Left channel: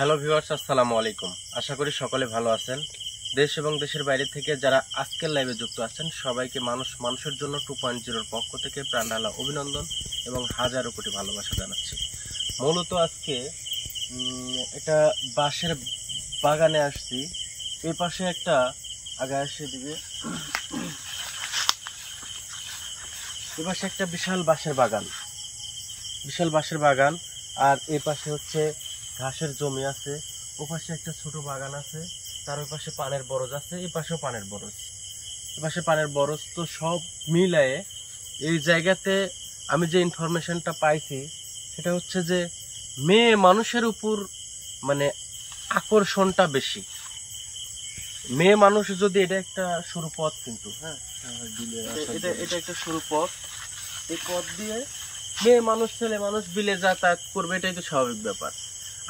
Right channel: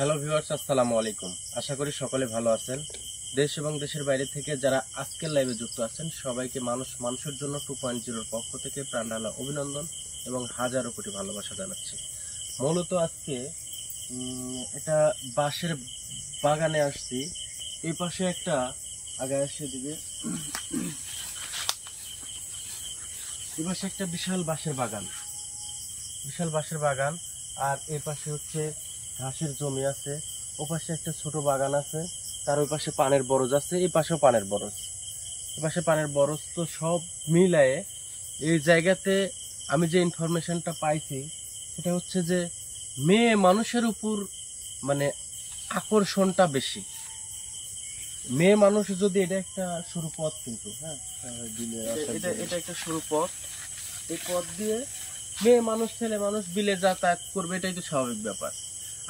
Hello viewers, আসসালামু আলাইকুম। আশা করি সকলে ভালো আছেন। দেশ এবং দেশের বাইরে থেকে যারা আজকের লাইভে যুক্ত আছেন সবাইকে মানুষের জন্য 2.0 পক্ষ থেকে প্রাণঢালা অভিনন্দন এবং হাজারো কোটি ভালোবাসা জানাচ্ছি। মূলত আজকে এটা বাঁশের বাগানে আসছি। এই পাশে একটা আগে আসে দিবে, এই পাশে একটা বিশাল বাঁশের বাগান, আর এই পাশে হচ্ছে ঘাসের জমি আছে। ও পাশে একটা ছোট বাগান আছে, তার ওই পাশে পানের বরজ আছে, এই পাশেও পানের বরজ, এই পাশে পানের বরজ। তো সব মিলায়ে এই জায়গাতে আমি যে ইনফরমেশনটা পাইছি সেটা হচ্ছে যে মেয়ে মানুষের উপর মানে আকর্ষণটা বেশি। মেয়ে মানুষ যদি, এটা একটা সরু পথ কিন্তু, হ্যাঁ এটা একটা সরু পথ, এই পথ দিয়ে মেয়ে মানুষ ছেলে মানুষ বিলে যাতায়াত করবে, এটাই তো স্বাভাবিক ব্যাপার।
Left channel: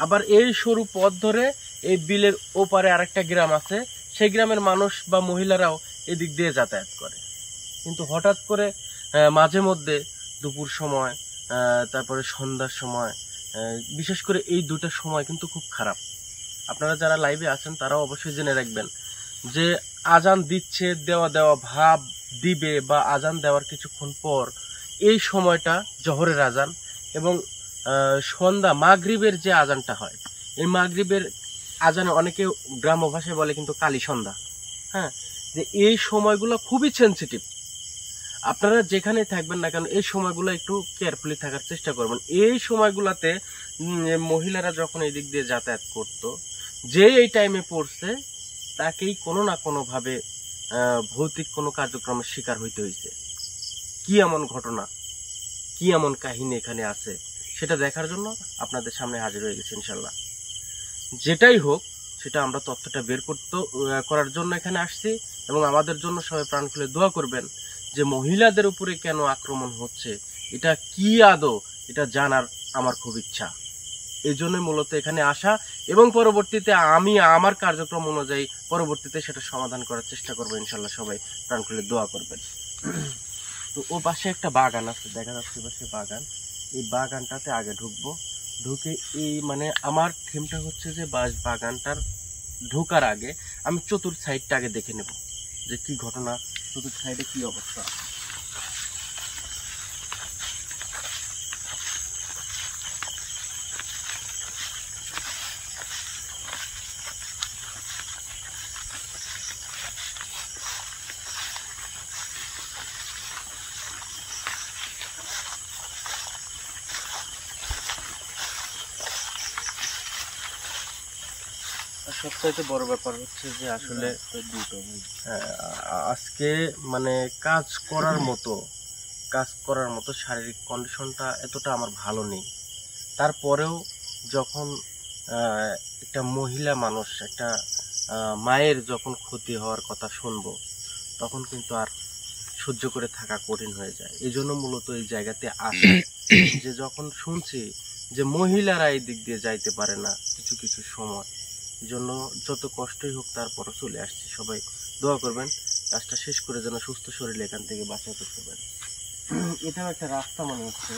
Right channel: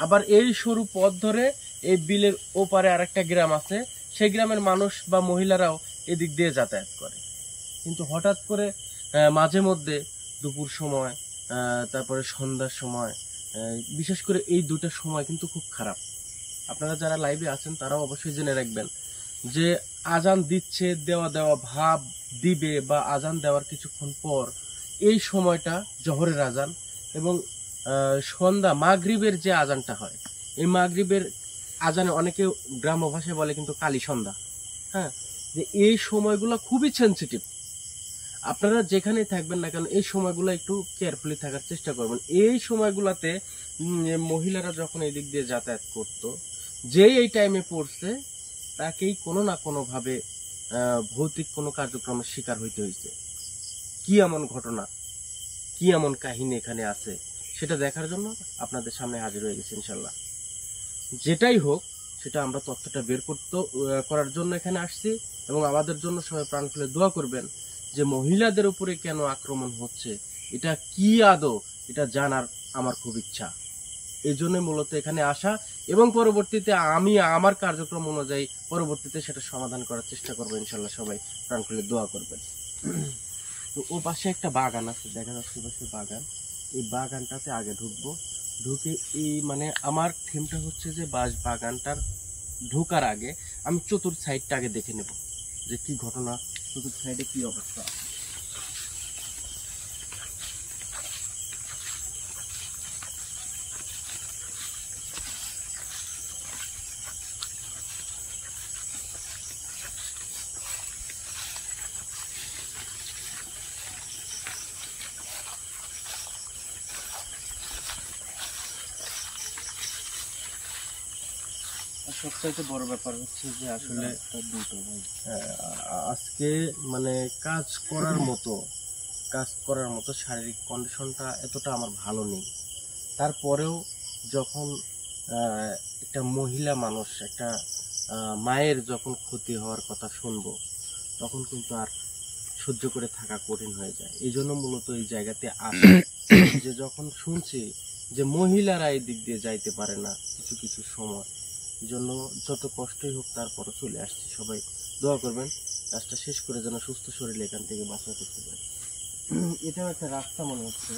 আবার এই সরু পথ ধরে এই বিলের ওপারে আরেকটা গ্রাম আছে, সেই গ্রামের মানুষ বা মহিলারাও এদিক দিয়ে যাতায়াত করে। কিন্তু হঠাৎ করে মাঝে মধ্যে দুপুর সময়, তারপরে সন্ধ্যার সময়, বিশেষ করে এই দুটার সময় কিন্তু খুব খারাপ। আপনারা যারা লাইভে আছেন তারাও অবশ্যই জেনে রাখবেন যে আজান দিচ্ছে, দেওয়া ভাব দিবে বা আজান দেওয়ার কিছুক্ষণ পর এই সময়টা জোহরের আজান এবং সন্ধ্যা মাগরিবের যে আজানটা হয়, এই মাগরিবের আজানে অনেকে গ্রাম্য ভাষায় বলে কিন্তু কালী সন্ধ্যা। হ্যাঁ, যে এই সময়গুলো খুবই সেন্সিটিভ। আপনারা যেখানেই থাকবেন না কেন এই সময়গুলো একটু কেয়ারফুলি থাকার চেষ্টা করবেন। এই সময়গুলোতে মহিলারা যখন এই দিক দিয়ে যাতায়াত করত, যে এই টাইমে পড়ছে তাকেই কোনো না কোনোভাবে ভৌতিক কোনো কার্যক্রমের শিকার হইতে হয়েছে। কি এমন ঘটনা, কি এমন কাহিনী এখানে আছে সেটা দেখার জন্য আপনাদের সামনে হাজির হয়ে গেছে ইনশাল্লাহ। যেটাই হোক সেটা আমরা তথ্যটা বের করার জন্য এখানে আসছি এবং আমাদের জন্য সবাই প্রাণ খুলে দোয়া করবেন যে মহিলাদের উপরে কেন আক্রমণ হচ্ছে, এটা কি আদৌ, এটা জানার আমার খুব ইচ্ছা। এই জন্যই মূলত এখানে আসা এবং পরবর্তীতে আমি আমার কার্যক্রম অনুযায়ী পরবর্তীতে সেটা সমাধান করার চেষ্টা করবো ইনশাল্লাহ। সবাই প্রাণ খুলে দোয়া করবেন। তো ও পাশে একটা বাগান আছে, দেখা যাচ্ছে পাশে বাগান। এই বাগানটাতে আগে ঢুকবো, ঢুকে এই মানে আমার থিমটা হচ্ছে যে বাগানটার ঢোকার আগে আমি চতুর্থ সাইডটা আগে দেখে নেব যে কি ঘটনা, চতুর্থ সাইডে কি অবস্থা। সবচাইতে বড় ব্যাপার হচ্ছে যে আসলে আজকে মানে কাজ করার মতো শারীরিক কন্ডিশনটা এতটা আমার ভালো নেই। তারপরেও যখন একটা মহিলা মানুষ, একটা মায়ের যখন ক্ষতি হওয়ার কথা শুনবো তখন কিন্তু আর সহ্য করে থাকা কঠিন হয়ে যায়। এই জন্য মূলত এই জায়গাতে আসে যে যখন শুনছি যে মহিলারা এই দিক দিয়ে যাইতে পারে না কিছু কিছু সময়, এই জন্য যত কষ্টই হোক তারপরও চলে আসছি। সবাই দোয়া করবেন কাজটা শেষ করে যেন সুস্থ শরীরে এখান থেকে বাঁচা করতে পারি। এটাও একটা রাস্তা মনে হচ্ছে।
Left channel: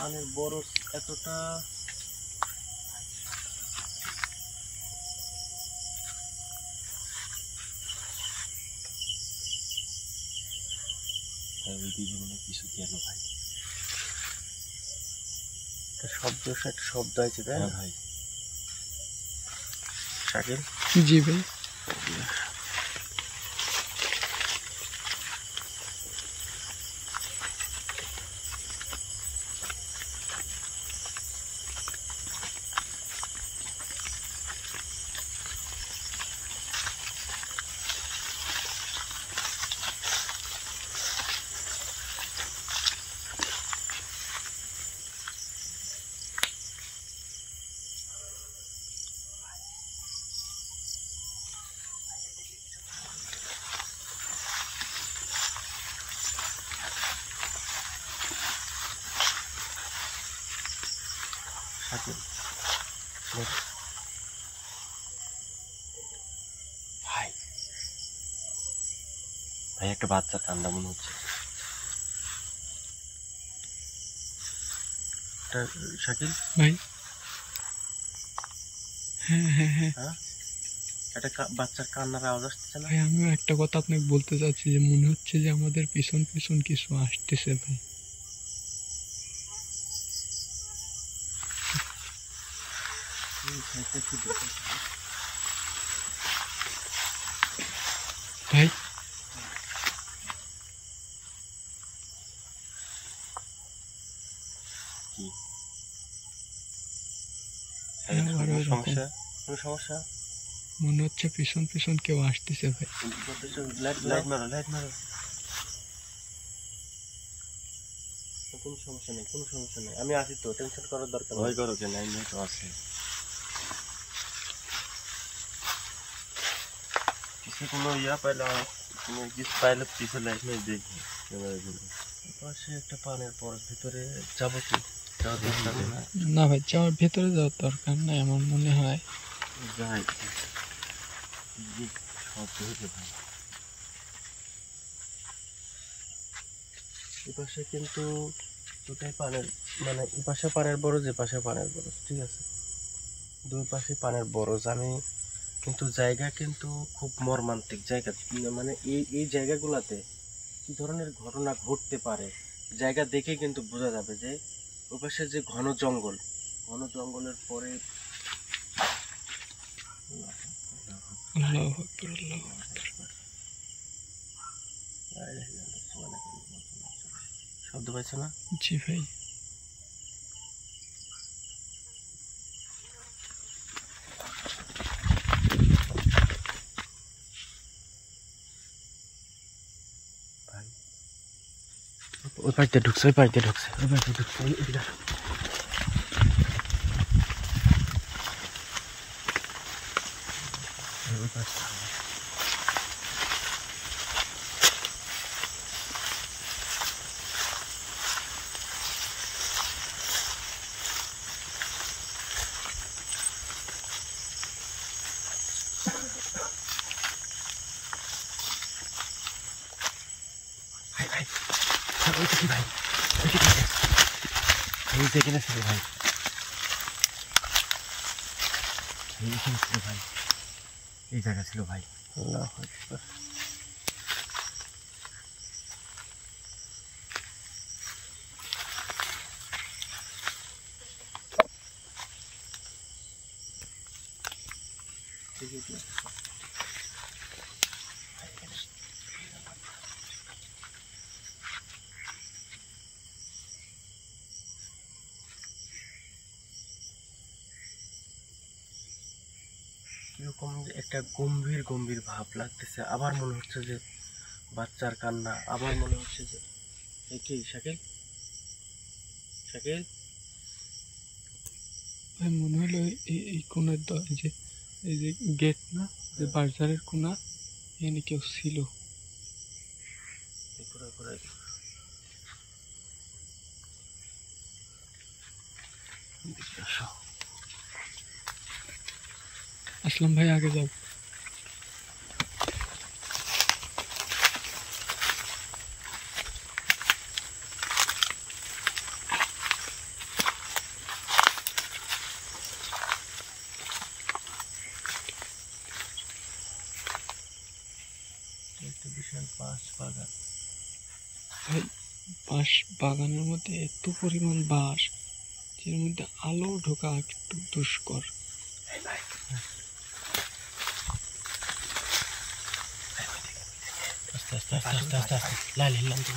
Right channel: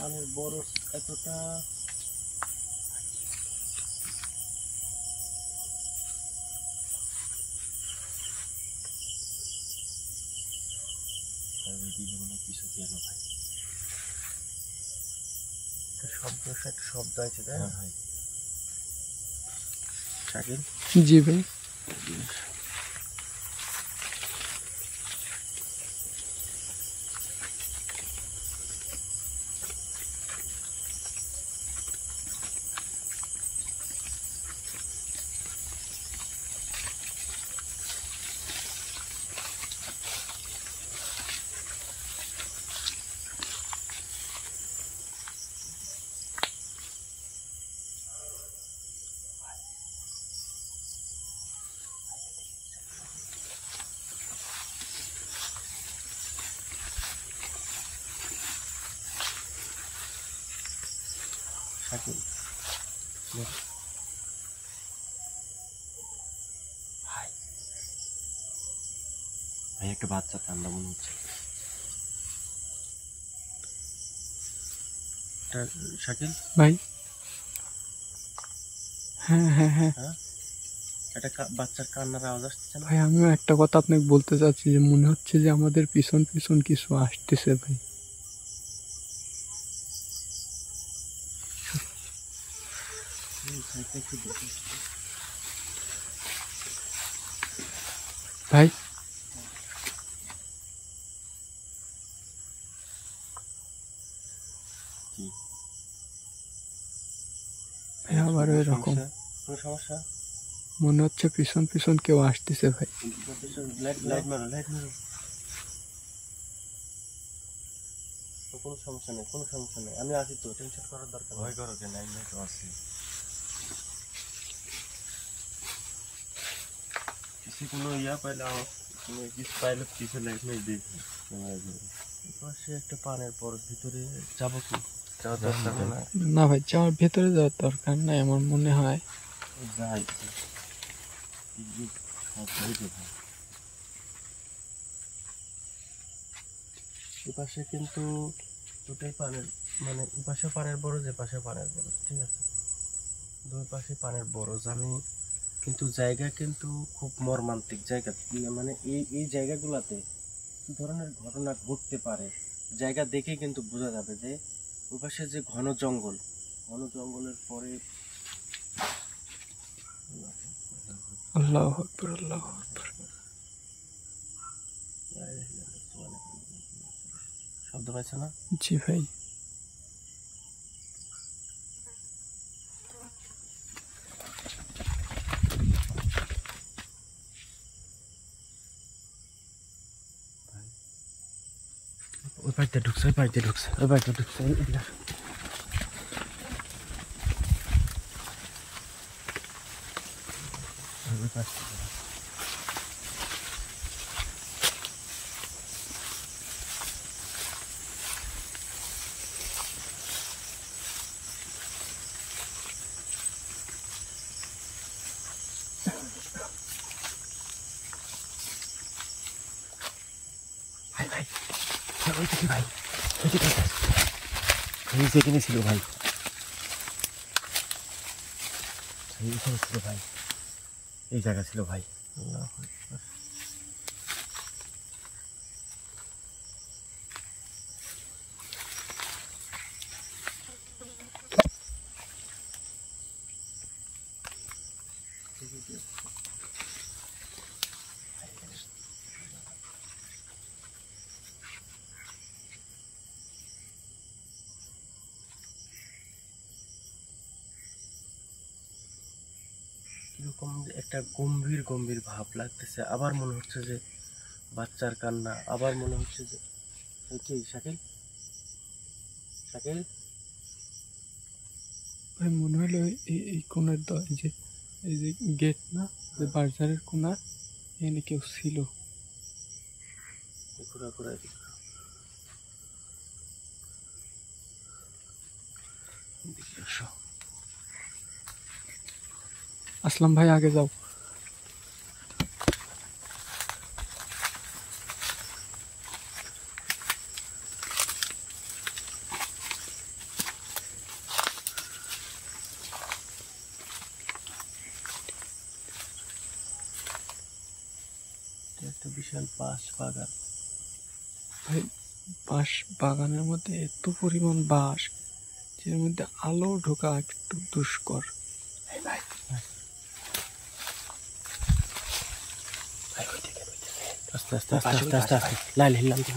মানে বড় এতটা বিভিন্ন কিছু কেন ভাই একটা শব্দ হয়েছে, তাই না ভাই? শাকিল জি ভাই। শাকিল ভাই ভাই একটা বাচ্চা ঠান্ডা মনে হচ্ছে। শাকিল ভাই হ্যাঁ হ্যাঁ হ্যাঁ হ্যাঁ একটা বাচ্চার কান্নার আওয়াজ আসছে না? ভাই আমিও একটা কথা আপনাকে বলতে চাচ্ছি যে মনে হচ্ছে যে আমাদের পিছন পিছন কিছু আসতেছে ভাই। ভাই কি আবার ওই রকম সমস্যা? কোনো সমস্যা? মনে হচ্ছে পিছন পিছন কেউ আসতেছে ভাই। লাইট মারো, লাইট মারো। কোনো সমস্যা নেই, কোনো সমস্যা নেই, আমি আছি তো, টেনশন করার দরকার নেই। ভয় করো কেন, আমি তো আছি। কিছু কোনো পাইলে কোনো কিছু পাইলে পিছনে লাইট মেরে দেখি ক্যামেরা করে। পাশে একটা পানের পরের ভিতরে যাবো কি? যাওয়ার দরকার না। না ভাই যাওয়ার ভেতরে যাওয়ার দরকার নাই আমার মনে হয়। যাই সব হয়েছে ভাই। এপাশে কিন্তু দুটাই পানের, মানে এপাশে পানের বরজ, এপাশে পানের বরজ, ঠিক আছে, দুই পাশে পানের বরজ। আমি কিন্তু জায়গা কিন্তু খুব মর্মান্তিক জায়গা, মানে এই জায়গাগুলোতে কি ধরনের ঘটনা ঘটতে পারে জায়গা দেখে কিন্তু বোঝা যাবে যে ওপাশে যে ঘন জঙ্গল, ঘন জঙ্গলের পরে আল্লাহু আকবার আল্লাহু আকবার। শব্দ পাইছে না? জি ভাই ওই বাড়িতে ঢুকছে, ওই বাড়িতে ঢুকছে, ওই বাড়িতে ঢুকছে। এদিকে আসো। ওই পাশে। ভাই ভাই ওই দেখি ভাই, এদিকে এই যে এখানে ছিল ভাই, এইখানে ছিল ভাই, এই জায়গা ছিল ভাই। আল্লাহু আকবার। কিরকম একটা গম্ভীর গম্ভীর ভাব লাগতেছে, আবার মনে হচ্ছে যে বাচ্চার কান্না, আবার মনে হচ্ছে যে কি শাকিল, শাকিল ভাই মনে হলো এই কোণের এই যে গেট না, যে বাজারের কোণা, এখানে কেউ ছিল। ঘুরা ঘুরা আসলাম ভাই আগে যাও। একটা বিশাল বাঁশ বাগান। ভাই বাঁশ বাগানের মধ্যে এত পরিমাণ বাঁশ যের মধ্যে আলো ঢোকা একটু দুষ্কর। আস্তে আস্তে আস্তে আস্তে আস্তে আস্তে লাইল হিললাম তো।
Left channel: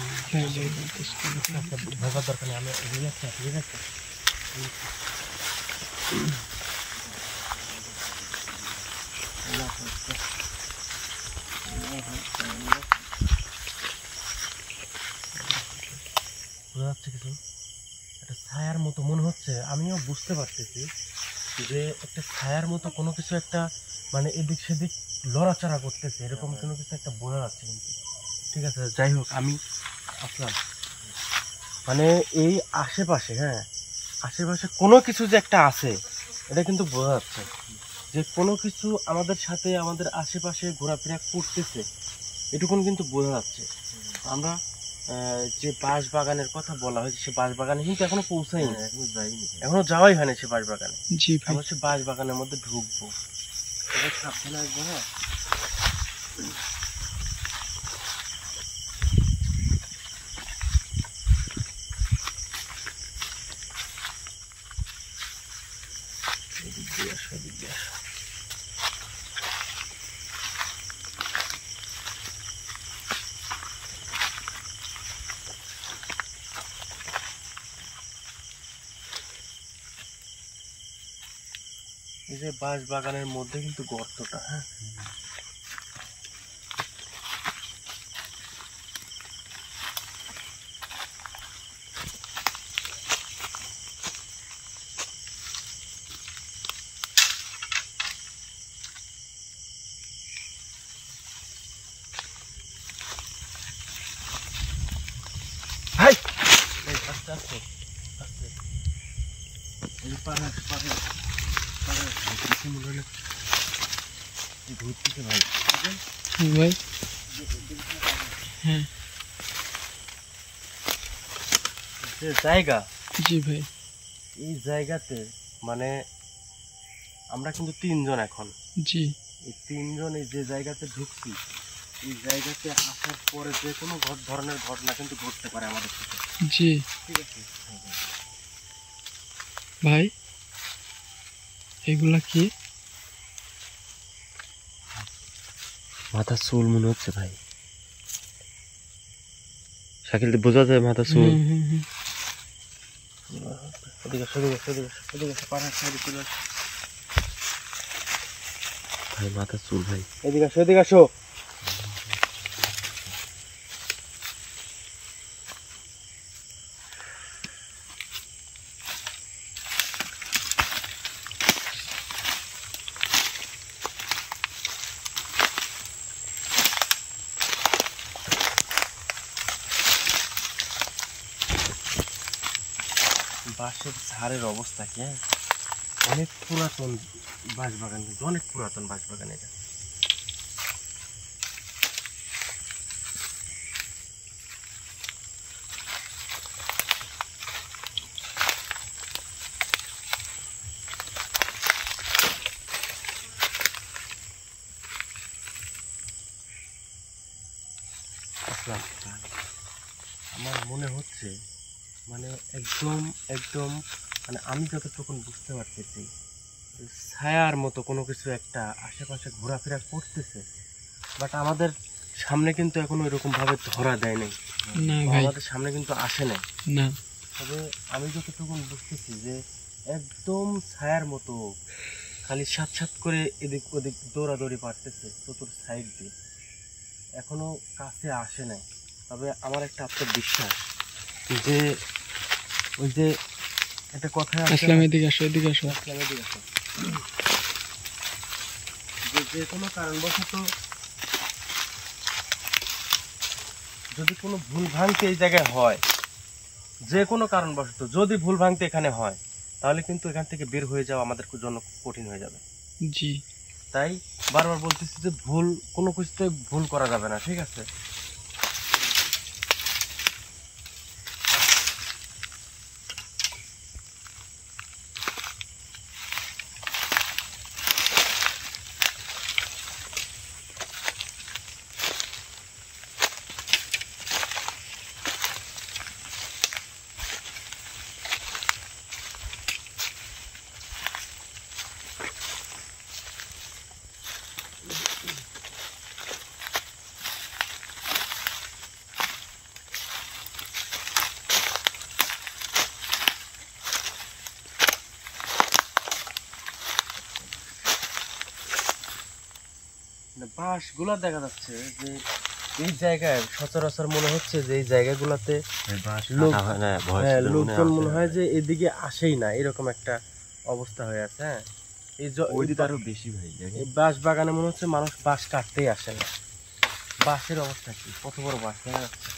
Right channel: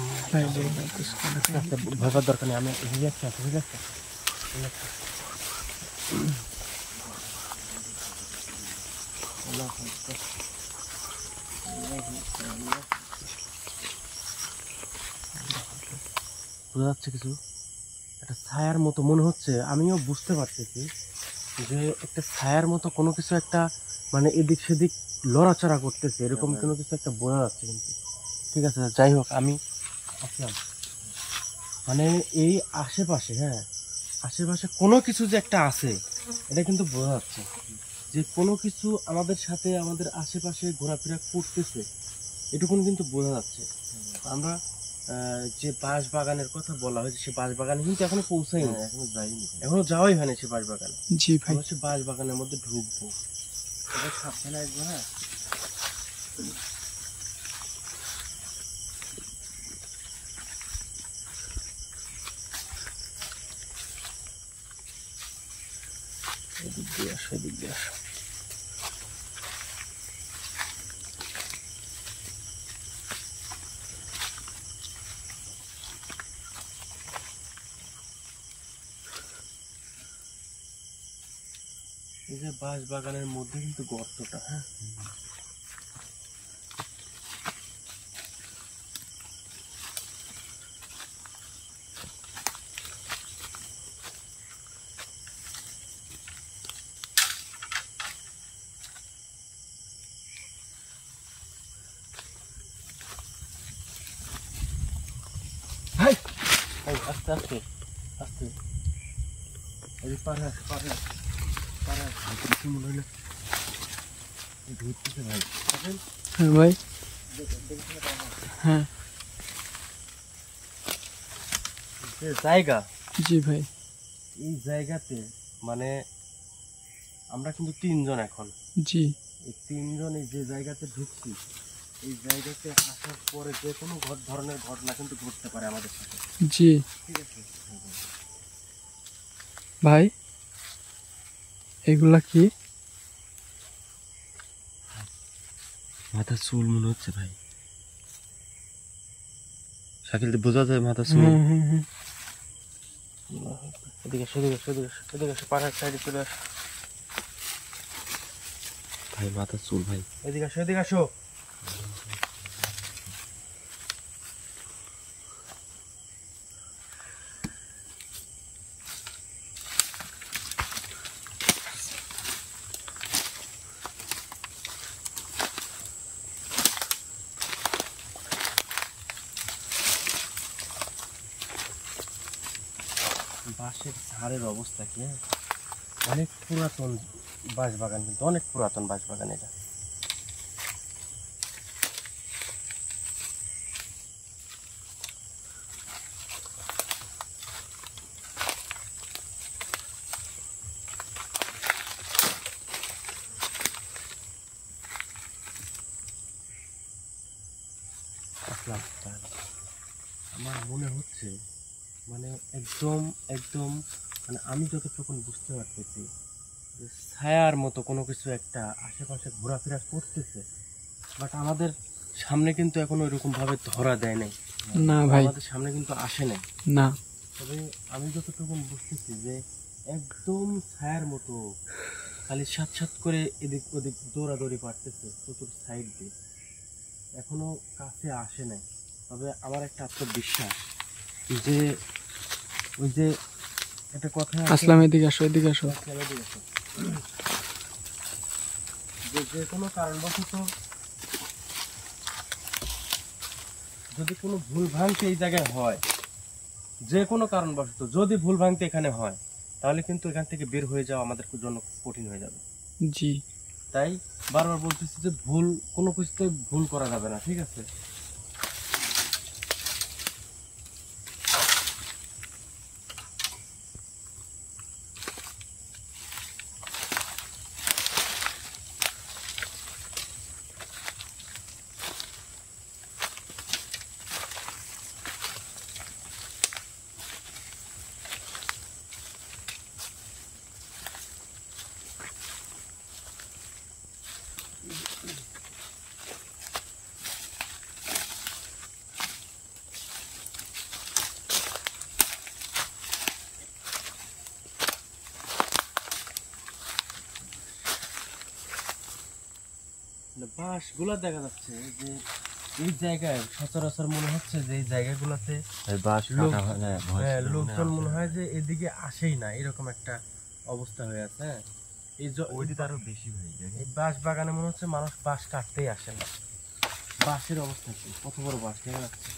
ভাবার দরকার নেই, আমি রিল্যাক্স আছি, রিল্যাক্স আছি। বোঝা যাচ্ছে কিছু একটা ছায়ার মতো মনে হচ্ছে, আমিও বুঝতে পারতেছি যে একটা ছায়ার মতো কোনো কিছু একটা, মানে এদিক সেদিক লড়াচড়া করতেছে, এরকম কোনো কিছু একটা বোঝা যাচ্ছে কিন্তু। ঠিক আছে, যাই হোক, আমি আসলাম মানে এই আশেপাশে, হ্যাঁ আশেপাশে কোনো কিছু যে একটা আছে এটা কিন্তু বোঝা যাচ্ছে, যে কোনো কিছু আমাদের সাথে আমাদের আশেপাশে ঘোরাফেরা করতেছে, এটুকুন কিন্তু বোঝা যাচ্ছে। আমরা যে বাঁশ বাগানের কথা বলা হয়েছে, সে বাঁশ বাগানে কিন্তু এখনো পৌঁছাইনি, এখনো যাইনি, এখনো যাওয়াই হয়নি সে বাঁশ বাগানে। জি ভাই, আমরা সে বাঁশ বাগানের মধ্যে ঢুকবো, এবার সাবধানে আসবো। হ্যাঁ, এদিক দিয়ে আসো, এদিক দিয়ে আসো। এই যে বাঁশ বাগানের মধ্যে কিন্তু গর্তটা, হ্যাঁ, ভাই ভাই আস্তে আস্তে আস্তে, এই যে পারে আস, পারে আস, পারে আস, ভাই কিছু মনে হলে ঘুরতেছে ভাই। হ্যাঁ ভাই, হ্যাঁ যে জায়গা, জি ভাই, এই জায়গাতে মানে আমরা কিন্তু তিনজন এখন, জি এই তিনজন এই যে জায়গাতে ঢুকছি, এই জায়গাতে আসার পরে যে কোনো ধরনের ঘটনা কিন্তু ঘটতে পারে আমাদের সাথে, জি ঠিক আছে? ভাই, এগুলা কি? মাথা চুল মনে হচ্ছে ভাই, শাকিল বোঝা যায় মাথা চুল। হ্যাঁ হ্যাঁ হ্যাঁ, এদিকে আসো, এদিকে আসো, এদিকে আসো, এদিকে আসো, পাড়ার সাইডে চলে আসো ভাই, মাথা চুল ভাই, এদিকে আসো, এদিকে আসো। বাঁশের ঝাড়ের অবস্থা কি, হ্যাঁ, অনেক পুরাতন বাঁশ বাগান, কিন্তু অনেক পুরাতন বাঁশ বাগান এটা। আসলাম, আমার মনে হচ্ছে মানে একদম একদম মানে আমি যতটুকু বুঝতে পারতেছি, যে ছায়ার মতো কোনো কিছু একটা আশেপাশে ঘোরাফেরা করতেছে, বাট আমাদের সামনে কিন্তু এখনো এরকম ভাবে ধরা দেয় নাই, না ভাই, আমাদের সামনে কিন্তু আসে নাই। না, তবে আমি যতটুকু বুঝতেছি যে একদম ছায়ার মতো খালি সাত সাত করে এদিক ওদিক দৌড়াদৌড়ি পারতেছে চতুর সাইড দিয়ে, এখনো কাছে আসে নাই। তবে আমার একটা আত্মবিশ্বাস যে ওই যে একটা কথা আছে, আসলাম, এদিকে আসো, এদিকে আসো। আসলাম, এদিকে আসো, যে যে কোনো কারণবশত যদি কোনো ভুল ভ্রান্তি এই জায়গায় হয়, যে কোনো কারণবশত যদি ভুল ভ্রান্তি এখানে হয়, তাহলে কিন্তু এখান থেকে বের হয়ে যাওয়া আমাদের জন্য কঠিন হয়ে যাবে। জি তাই বারবার বলতেছি যে ভুল কোনো কিছুতে ভুল করা যাবে না, ঠিক আছে? বাঁশগুলো দেখা যাচ্ছে যে এই জায়গায় সচরাচর মনে হচ্ছে যে এই জায়গাগুলোতে লোকজন মনে হয় যে এদিকে আসেই না, এরকম একটা অবস্থা হয়ে আছে। হ্যাঁ, এই আরো বেশি ভাই, এই বাঁশ বাগানে মনে হচ্ছে মানুষ বাঁশ কাটতেই আসে না। বাঁশের অবস্থা কি, কত বড় বাঁশ দেখা যাচ্ছে।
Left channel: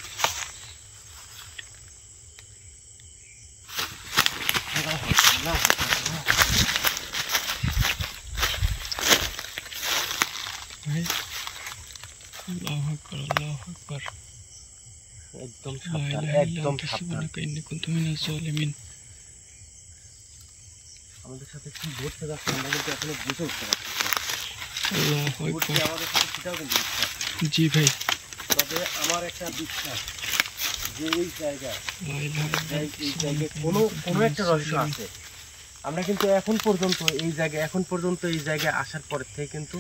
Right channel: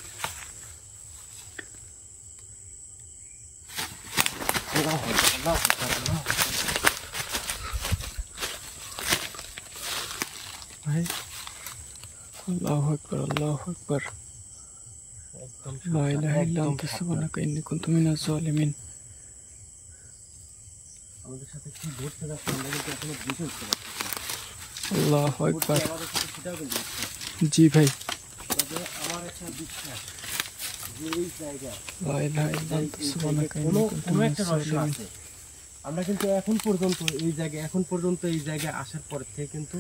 ভাই আল্লাহু আকবার আল্লাহু আকবার একদম লা ইলাহা ইল্লা একদম আনতা সাবধান। সুবহানাকা ইন্নী কুনতু মিনাজ জালিমিন। আমাদের সাথে কি ঘটতে যাচ্ছে আমরা কিন্তু এখনো বুঝে উঠতে পারছি না। আল্লাহু ঘটছে আকবার। আমাদের সাথে সেটাও কিন্তু বুঝতে পারছি না। জি ভাই, তবে আমার একটা বিশ্বাস যে এই জায়গায় লা ইলাহা ইল্লা এই আনতা জায়গায় সুবহানাকা ইন্নী কোনো কুনতু কোনো মিনাজ একটা রহস্য জালিমিন। আছে। আমরা কিন্তু এখন পর্যন্ত এই জায়গায় আসার পর থেকে কিন্তু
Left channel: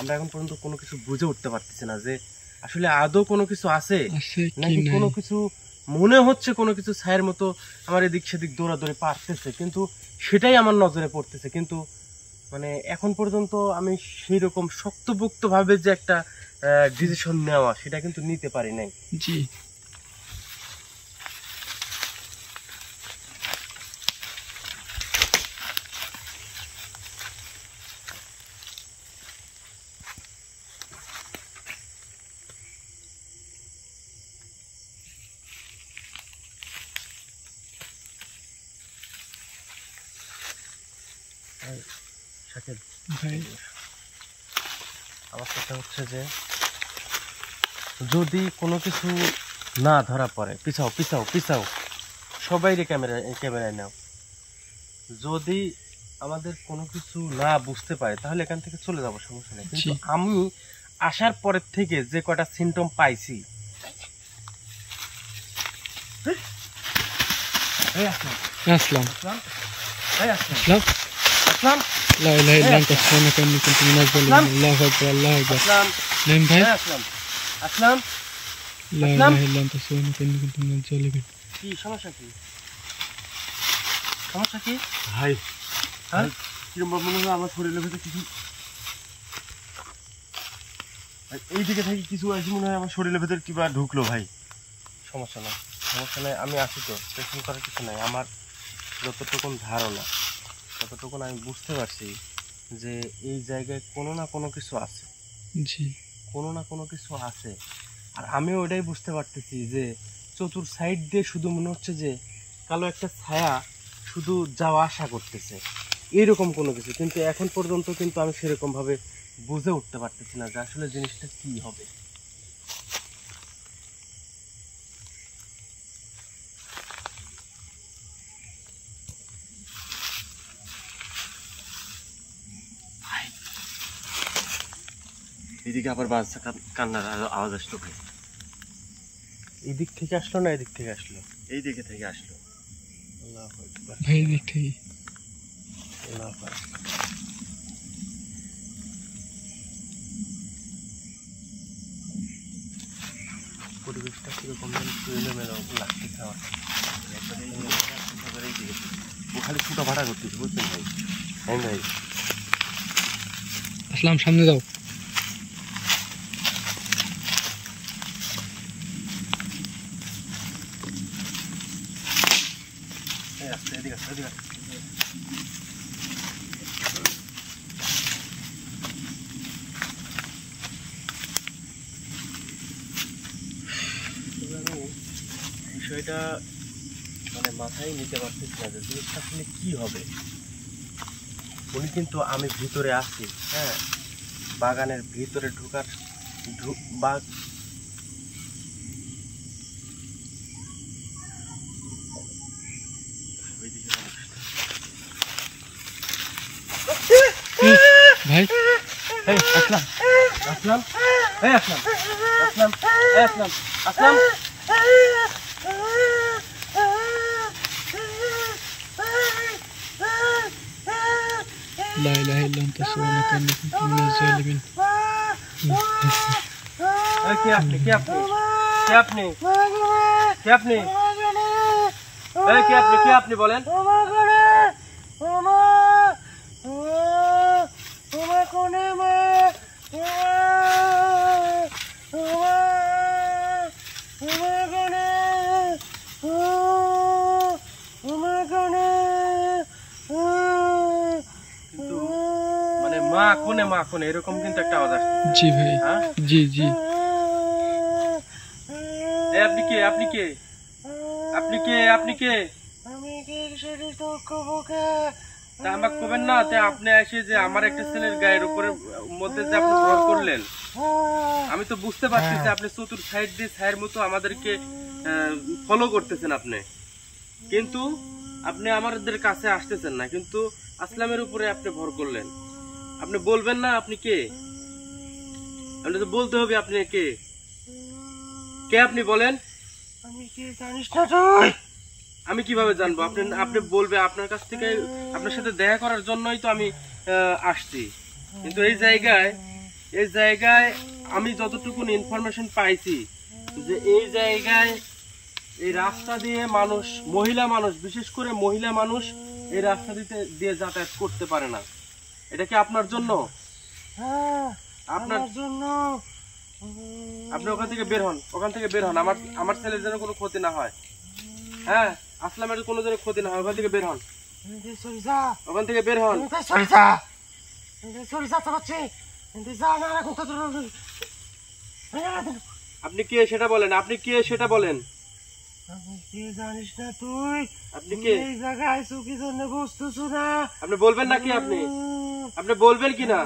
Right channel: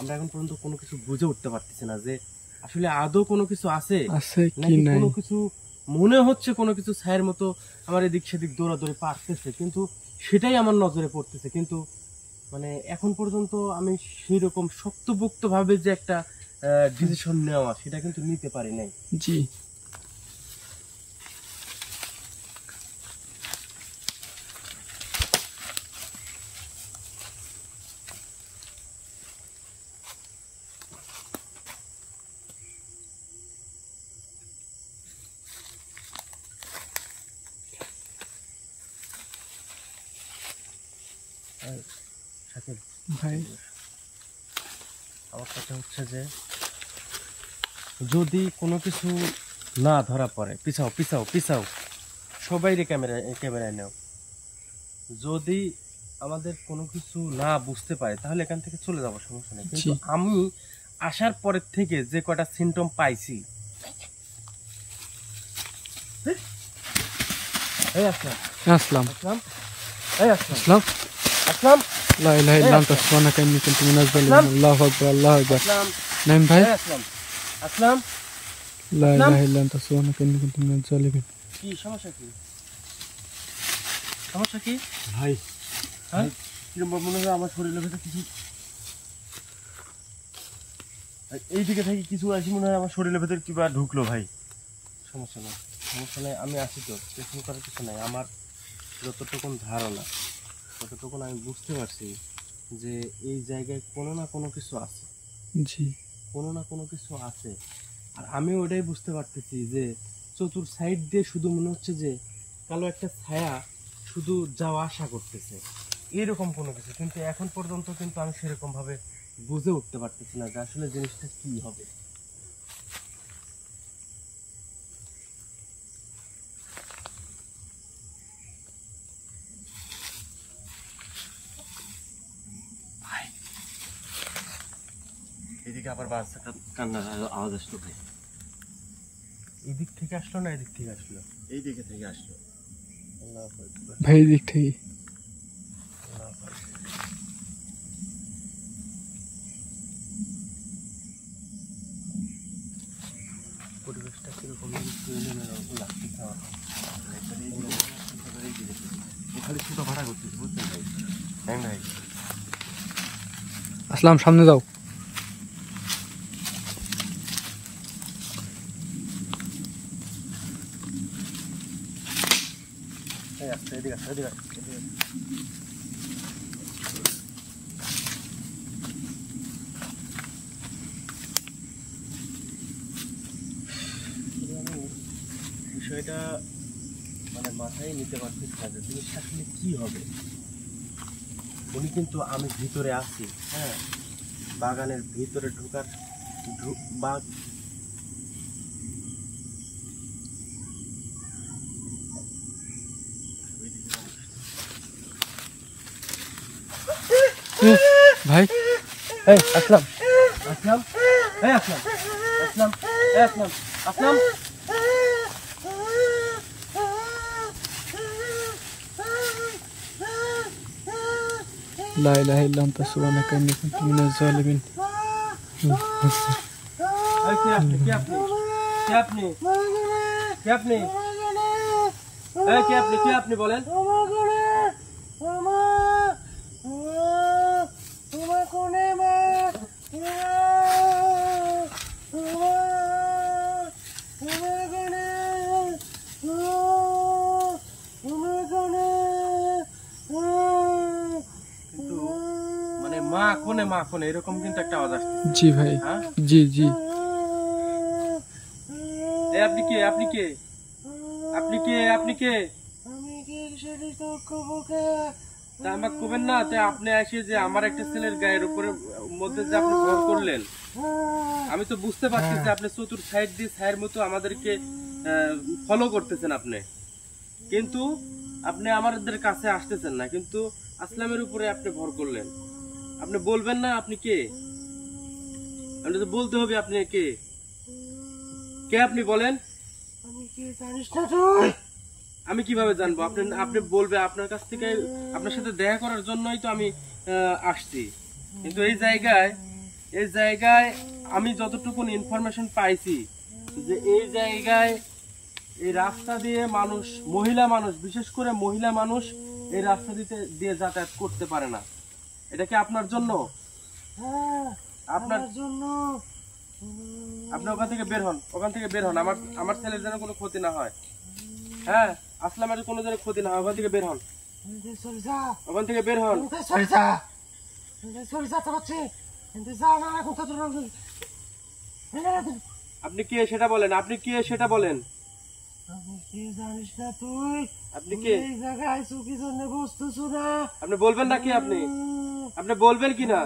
আমরা এখন পর্যন্ত কোনো কিছু বুঝে উঠতে পারতেছি না যে আসলে আদৌ কোনো কিছু আছে আছে কি নাকি নাই? কোনো কিছু মনে হচ্ছে কোনো কিছু ছায়ের মতো আমার এদিক সেদিক দৌড়াদৌড়ি পারতেছে, কিন্তু সেটাই আমার নজরে পড়তেছে। কিন্তু মানে এখন পর্যন্ত আমি সেই রকম শক্তপোক্ত ভাবে যে একটা ডিসিশন নেওয়া সেটা কিন্তু নিতে পারি নাই। জি সাকিব ভাই, আমার কথা হচ্ছে যে যদি কোনো কিছু না ধরা পড়ে, পিছাও পিছাও পিছাও, সবাই ক্যামেরায় নাও। যদি আমাদের কোনো কিছু না বুঝতে পারে তাহলে এখান থেকে চলে যাবো, সমস্যা নেই। কিন্তু জি। আমি আসার পরের থেকে যে কটা সিমটম পাইছি, এই আসলাম আসলাম আসলাম এই আসলাম আসলাম আসলাম লা ইলাহা ইল্লা আনতা সুবহানাকা ইন্নী কুনতু মিনাজ জালিমিন। আল্লাহু আকবার আল্লাহু আকবার। আসলাম নাইম ভাই, এই আসলাম আসলাম। লা আসলাম। ইলাহা ইল্লা আনতা সুবহানাকা ইন্নী কুনতু মিনাজ জালিমিন। কি সমস্যা, কি সমস্যা, কি ভাই হ্যাঁ? কিরম মনে হয় আমার শরীরের ভেতরে কিছু এই দিকে থেকে কিছু আসি, মনে হয় আমার শরীরের ভেতরে কিবা ঢুকলো ভাই। সমস্যা নাই, সমস্যা নাই, আমি আছি তো, টেনশন করার কিছু নাই। আমার যতটুকুন ধারণা, ততটুকুন আমি বুঝতে পারছি যে এই জায়গায় কোনো না কোনো কিছু আছে, জি কোনো না কোনো কিছু আছে। আর আমিও ওইটাই বুঝতে পারতেছি যে চতুর সাইড দিয়ে শুধু মনে হচ্ছে যে কালো একটা ছায়া শুধু যাওয়া আসা করতেছে, এইরকম কোনো কিছু। কিন্তু এখন পর্যন্ত কিন্তু আমি সেরকম ভাবে বুঝে উঠতে পারতেছি না যে আসলে জিনিসটা কি হবে। এদিকে আবার বাচ্চা কান্নার আওয়াজ আসলো ভাই। এই দিক থেকে আসলো না এদিক থেকে আসলো? এই দিকে থেকে আসলো। আল্লাহু আকবার, ভাই, দিক থেকে আল্লাহু আকবার। পরিবেশটা কিরকম যেন একটু এলোমেলো লাগতেছে আমার। একবারে এই দিকে থেকে আসলো, একবারে এই দিকে থেকে। ও খালি ছুটা ভাড়া করতেছে, বুঝছেন ভাই? হ্যাঁ ভাই, আসলাম, সামনে যাও। এই আসছে, এদিকে আসছে, এদিকে আসছে, এদিকে আসছে। তবে আমি বিষয়টা মানে মাথায় নিতে পারতেছি না যে জিনিসটা আসলে কি হবে। উনি কিন্তু আমি ভিতরে আছি, হ্যাঁ, বাগানের ভিতরে ঢোকার বাঘ ওইদিকে মানুষটা। ভাই, এই আসলাম আসলাম এই আসলাম আসলাম এই আসলাম আসলাম। লা ইলাহা ইল্লা আনতা সুবহানাকা ইন্নী কুনতু মিনাজ জালিমিন। এই কে আপনি, কে আপনি, কে আপনি, কে আপনি, এই কে আপনি, কে আপনি বলেন? কিন্তু মানে মা কোনে এরকম কিন্তু একটা আওয়াজ আসছে। জি ভাই, হ্যাঁ, জি জি। এই আপনি কে, আপনি কে, আপনি কে, আপনি কে, তা আমাকে কবেন না, তা আপনি এসে যে আমার একটা ছেলের গায়ের উপরে মধ্যে যে আপনি ভর করলেন, আমি তো বুঝতে পারছি যে আপনি চতুর সাইড দিয়ে ছায়ের মতো আমাদেরকে ফলো করতেছেন আপনি, কিন্তু আপনি আমাদের কাছে আসতেছেন না, কিন্তু আসলামের উপরে আপনি ভর করলেন। আপনি বলবেন না আপনি কে? আপনি তো বলতে হবে আপনি কে। কে আপনি বলেন? আমি কি জানিস না তুই? আমি কিভাবে জানবো? আপনি আপনি বলবে, আপনার কাছ থেকে আপনার সাথে দেখা করার জন্যই তো আমি আসছি। কিন্তু এই জায়গায় আমি যতটুকু ইনফরমেশন পাইছি যে এই জায়গায় এই রাস্তা দিয়ে মানুষ, মহিলা মানুষ, বিশেষ করে মহিলা মানুষ এই রাস্তা দিয়ে যাতায়াত করতে পারে না। এটা কি আপনার জন্য? আপনার জন্য। আপনি ওখান থেকে বের হন, ওখান থেকে বের হন। আমার ছেলের যেন কোনো ক্ষতি না হয়। হ্যাঁ, আসলামের কোনো যেন ক্ষতি না হয়। ওখান থেকে বের হন, ওখান থেকে বের হন। আপনি কে সেটা বলেন, আপনি কে সেটা বলেন। আমি কি জানিস না তুই? আপনি কে? এই জায়গায় চুকি জন্য বসতেছ না? আপনি বলবেন নাকি? আপনি বলবেন কি না?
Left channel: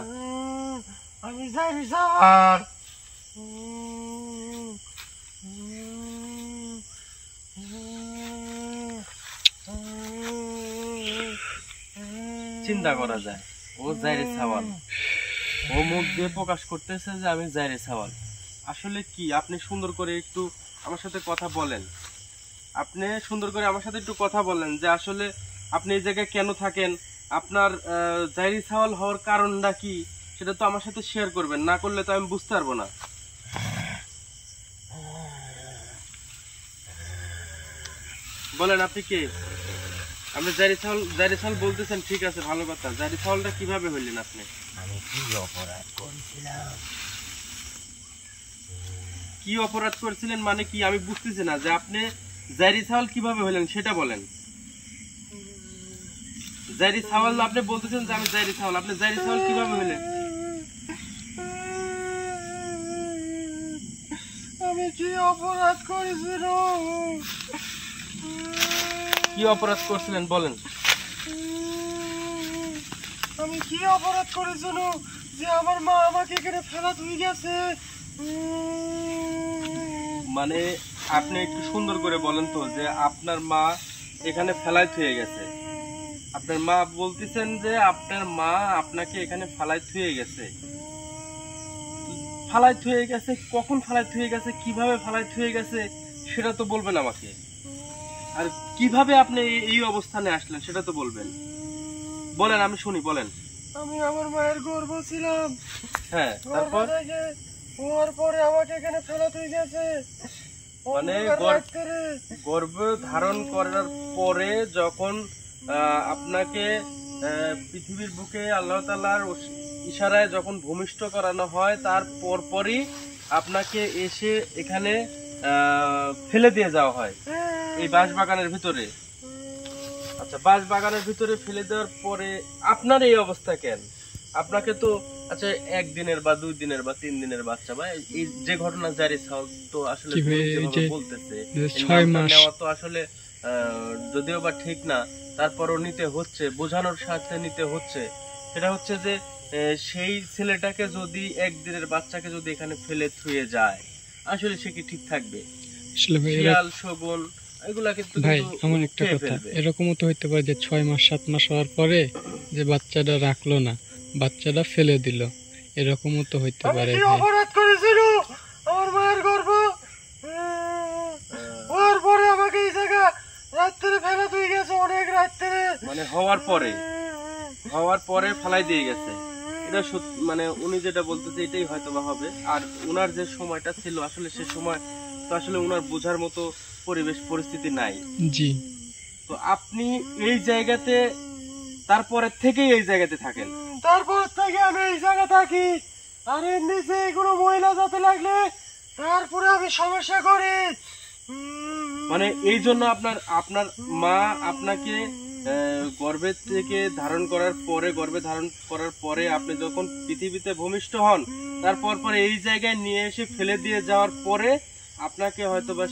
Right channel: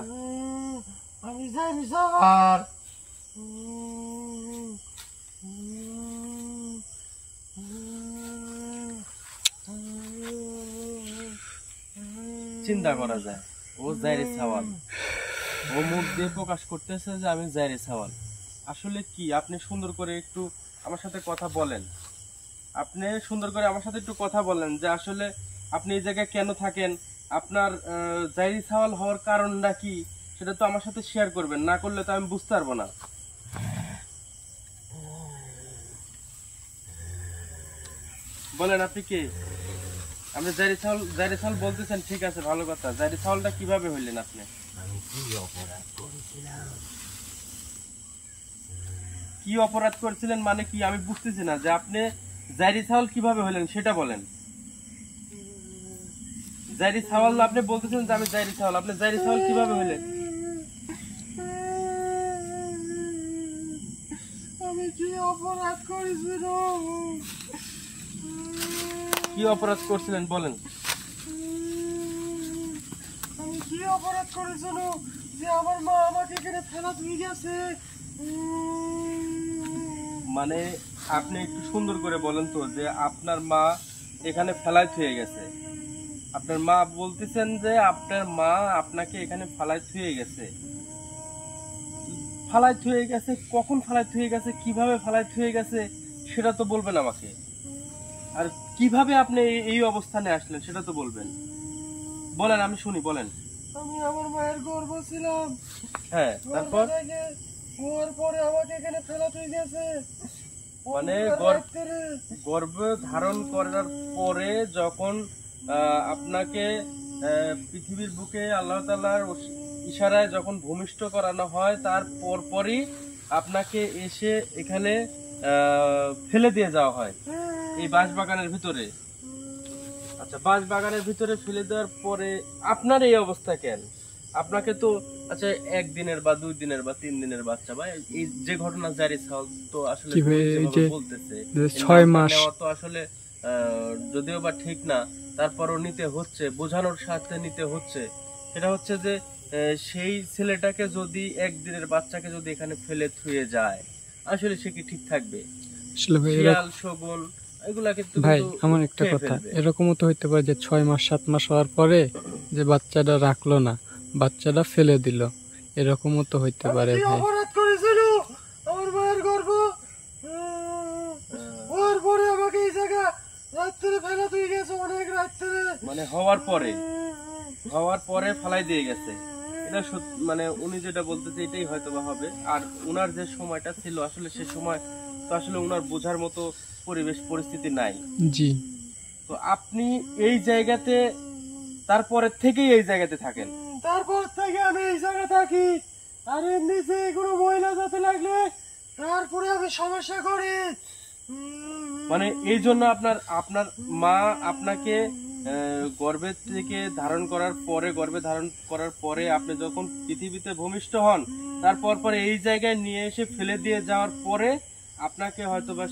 আমি জানি সবার। চিন্তা করা যায়, ও জাইরে সাওয়াল, ও মুখ দিয়ে প্রকাশ করতেছে যে আমি জাইরে সাওয়াল। আসলে কি, আপনি সুন্দর করে একটু আমার সাথে কথা বলেন। আপনি সুন্দর করে আমার সাথে একটু কথা বলেন যে আসলে আপনি এই জায়গায় কেন থাকেন, আপনার জাইরি সাওয়াল হওয়ার কারণটা কি, সেটা তো আমার সাথে শেয়ার করবেন। না করলে তো আমি বুঝতে পারবো না। বলেন আপনি কে? আপনি জাইরি সাওয়াল বলতেছেন, ঠিক আছে, ভালো কথা। জাইরি সাওয়ালটা কিভাবে হইলেন আপনি? আমি কি অপরাধ করেছিলাম? কি অপরাধ করেছিলেন মানে কি? আমি বুঝতেছি না যে আপনি জাইরি সাওয়াল কিভাবে হইলেন সেটা বলেন। জাইরি সাওয়াল আপনি বলতেছেন যে আমি জাইরি সাওয়াল, আপনি জাইরি সাওয়াল কিভাবে হইলেন? আমি কি অপরাধ করেছিলাম? কি অপরাধ করছিলেন বলেন। আমি কি অপরাধ করেছিল যে আমার মা আমাকে এখানে ফেলা তুই গেছে? মানে আপনি একটু সুন্দর করে বলেন তো যে আপনার মা এখানে ফেলাই থুয়ে গেছে। আপনার মা বলতেছেন যে আপনার মা আপনাকে এখানে ফালাই থুয়ে গেছে। ফালাই থুয়ে গেছে, কখন ফালাই থুয়ে গেছে, কিভাবে ফালাই থুয়ে গেছে সেটা তো বলবেন আমাকে। আর কিভাবে আপনি এই অবস্থানে আসলেন সেটা তো বলবেন। বলেন, আমি শুনি, বলেন। আমি আমার মায়ের গর্ভ ছিলাম। হ্যাঁ, তারপর? হওয়ার পরে আমাকে এখানে ফেলা তুই গেছে। মানে গর্ভ ধারণ করার পরে যখন আপনাকে পৃথিবীর বুকে আল্লাহ তাআলার ইশারায় যখন ভূমিষ্ঠ করানো হয়, তার পরপরই আপনাকে এসে এখানে ফেলে দিয়ে যাওয়া হয় এই বাঁশবাগানের ভিতরে। আচ্ছা, বাঁশবাগানের ভিতরে ফেলে দেওয়ার পরে আপনার এই অবস্থা কেন? আপনাকে তো আচ্ছা 1 দিনের বা 2 দিনের বা 3 দিনের বাচ্চা, বা এই যে ঘটনা জারি সাল তো আসলে বলতেছে 6 মাস নেওয়া তো আসলে যদিও বা ঠিক না, তারপরও নিতে হচ্ছে, বোঝানোর সাথে নিতে হচ্ছে। সেটা হচ্ছে যে সেই ছেলেটাকে যদি 1 দিনের বাচ্চাকে যদি এখানে ফেলে থুয়ে যায়, আসলে সে কি ঠিক থাকবে? শিয়াল, শগুন এগুলা কিন্তু ভাই, আমার একটা কথা, এরকমও তো হইতে পারে যে 6 মাস 7 মাস হওয়ার পরে যে বাচ্চাটা রাখলো না, বাচ্চাটা ফেলে দিল, এরকমও তো হইতে পারে। ভাই, অপরাধ করেছিল আমার মায়ের গর্ভ, ওর পরে আমাকে এই জায়গা রাত্রে ফেলা তুই গেছে, অনেক রাত্রে, মানে হওয়ার পরে ফেলাই দিয়ে গেছে। এটা মানে উনি যেটা বলতেছে এটাই হয়তো বা হবে। আর উনার যে সময়টা ছিল আসলে সে সময় তো আসলে উনার বোঝার মতো পরিবেশ পরিস্থিতি নাই। জি। তো আপনি এই জায়গাতে তারপরে থেকেই এই জায়গাতে থাকেন? তারপর থেকে আমি এই জায়গা থাকি। আর এর নিচে কোনো মহিলা যাতে লাগলে তারপরে আমি সমস্যা করি। মানে এই জন্য আপনার মা আপনাকে গর্ভে ধারণ করার পরে আপনি যখন পৃথিবীতে ভূমিষ্ঠ হন, তারপর এই জায়গায় নিয়ে এসে ফেলে দিয়ে যাওয়ার পরে আপনাকে হয়তো বা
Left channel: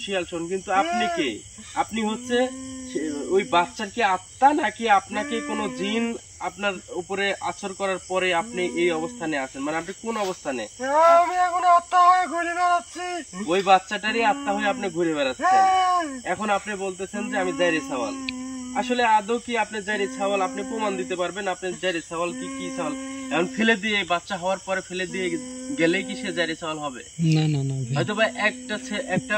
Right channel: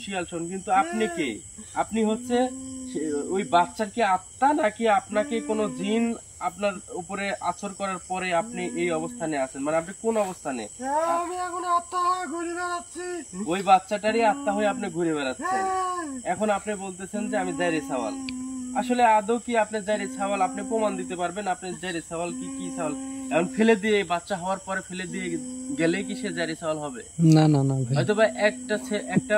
শিয়াল শোন, কিন্তু আপনি কে? আপনি হচ্ছে ওই বাচ্চার কি আত্মা নাকি আপনাকে কোনো জিন আপনার উপরে আচর করার পরে আপনি এই অবস্থানে আছেন, মানে আপনি কোন অবস্থানে? আমি এখন আত্মা হয়ে ঘুরে বেড়াচ্ছি। ওই বাচ্চাটারই আত্মা হয়ে আপনি ঘুরে বেড়াচ্ছেন। হ্যাঁ। এখন আপনি বলতেছেন যে আমি জাইরে সাওয়াল। আসলে আদৌ কি আপনি জাইরে সাওয়াল? আপনি প্রমাণ দিতে পারবেন আপনি জাইরে সাওয়াল কি সাওয়াল? এখন ফেলে দিয়ে, বাচ্চা হওয়ার পরে ফেলে দিয়ে গেলেই কি সে জাইরে সাওয়াল হবে? না না না ভাই, হয়তো বা একটা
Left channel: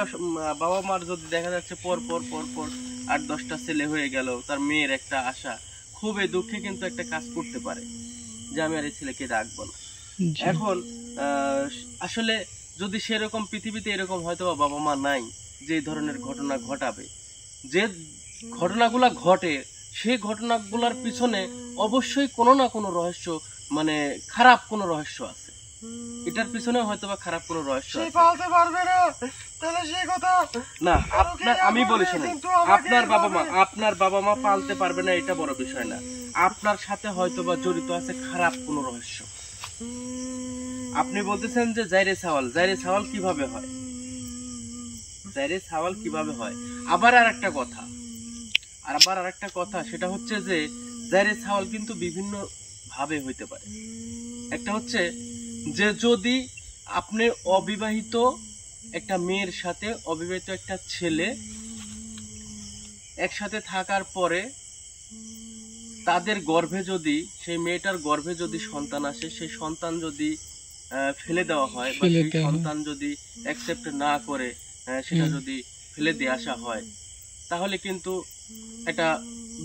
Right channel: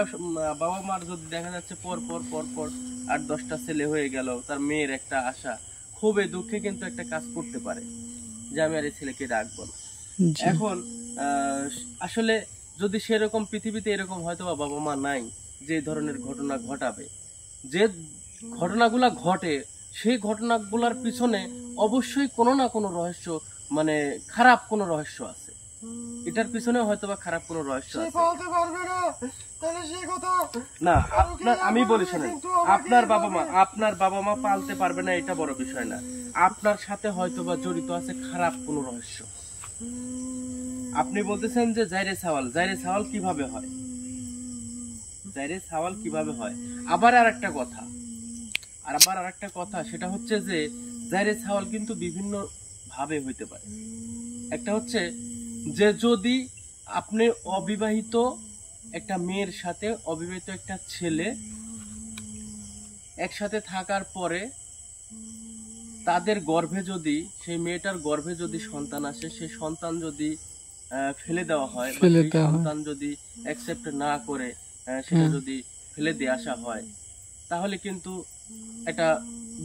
বাবা মার যদি দেখা যাচ্ছে পর পর পর পর 8-10টা ছেলে হয়ে গেল, তার মেয়ের একটা আশা, খুবই দুঃখে কিন্তু একটা কাজ করতে পারে যে আমি আর এই ছেলেকে রাখবো না। জি। এখন আসলে যদি সেরকম পৃথিবীতে এরকম হয়তো বাবা মা নাই যে এই ধরনের ঘটনা ঘটাবে, যে ঘটনাগুলা ঘটে সেই ঘটনাগুলার পিছনে অবশ্যই কোনো না কোনো রহস্য, মানে খারাপ কোনো রহস্য আছে। এটার পিছনে হয়তো বা খারাপ কোনো রহস্য সে আছে। পালতে পারবে না, তাহলে সে কথা না, আপনার আমি বলি শোনেন, কিন্তু আমাকে আপনার বাবা মা পালতে পারবে না এটা বড় বিষয় না, আপনার সাথে হয়তো বা জড়িত আছে খারাপ কোনো রহস্য। আপনি বলতেছেন যে জাইরে সাওয়াল কিভাবে হয়? জাইরে সাওয়াল কিভাবে হয়? আবার আরেকটা কথা, সেটা হচ্ছে যে জাইরে সাওয়াল কিন্তু বিভিন্ন ভাবে হইতে পারে। একটা হচ্ছে যে যদি আপনি অবিবাহিত একটা মেয়ের সাথে অবিবাহিত একটা ছেলে একসাথে থাকার পরে তাদের গর্ভে যদি, সেই মেয়েটার গর্ভে যদি সন্তান আসে, সেই সন্তান যদি ফেলে দেওয়া হয় বা সেই সন্তান যদি অ্যাকসেপ্ট না করে সেটা যদি ফেলে দিয়ে আসা হয়, তাহলে কিন্তু একটা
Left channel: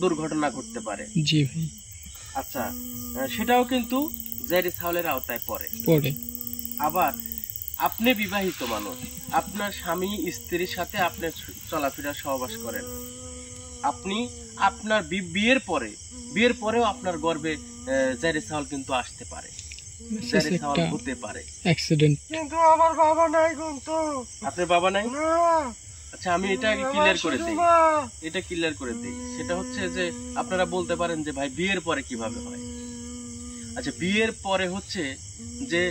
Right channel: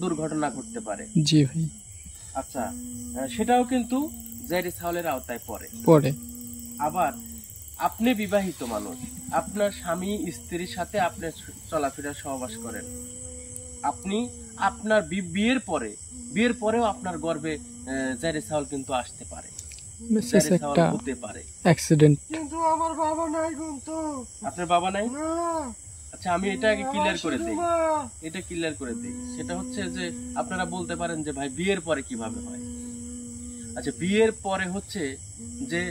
দুর্ঘটনা ঘটতে পারে। জি ভাই। আচ্ছা, সেটাও কিন্তু জাইরে সাওয়ালের আওতায় পড়ে। আবার আপনি বিবাহিত মানুষ, আপনার স্বামী স্ত্রীর সাথে আপনি চলাফেরা সহবাস করেন, আপনি আপনার বিয়ের পরেও আপনার গর্ভে জাইরে সাওয়াল কিন্তু আসতে পারে, জাইরে সাওয়াল হতে পারে। অ্যাক্সিডেন্ট। কিন্তু আমার বাবা নাই, কিন্তু আপনার বাবা নাই? না। আচ্ছা, আমি এটা আগে ক্লিয়ার করে দিই। সেটা হচ্ছে যে আপনারা বলতে পারেন যে ভাই বিয়ের পরে কিভাবে হয়? আচ্ছা, বিয়ের পরে হচ্ছে যে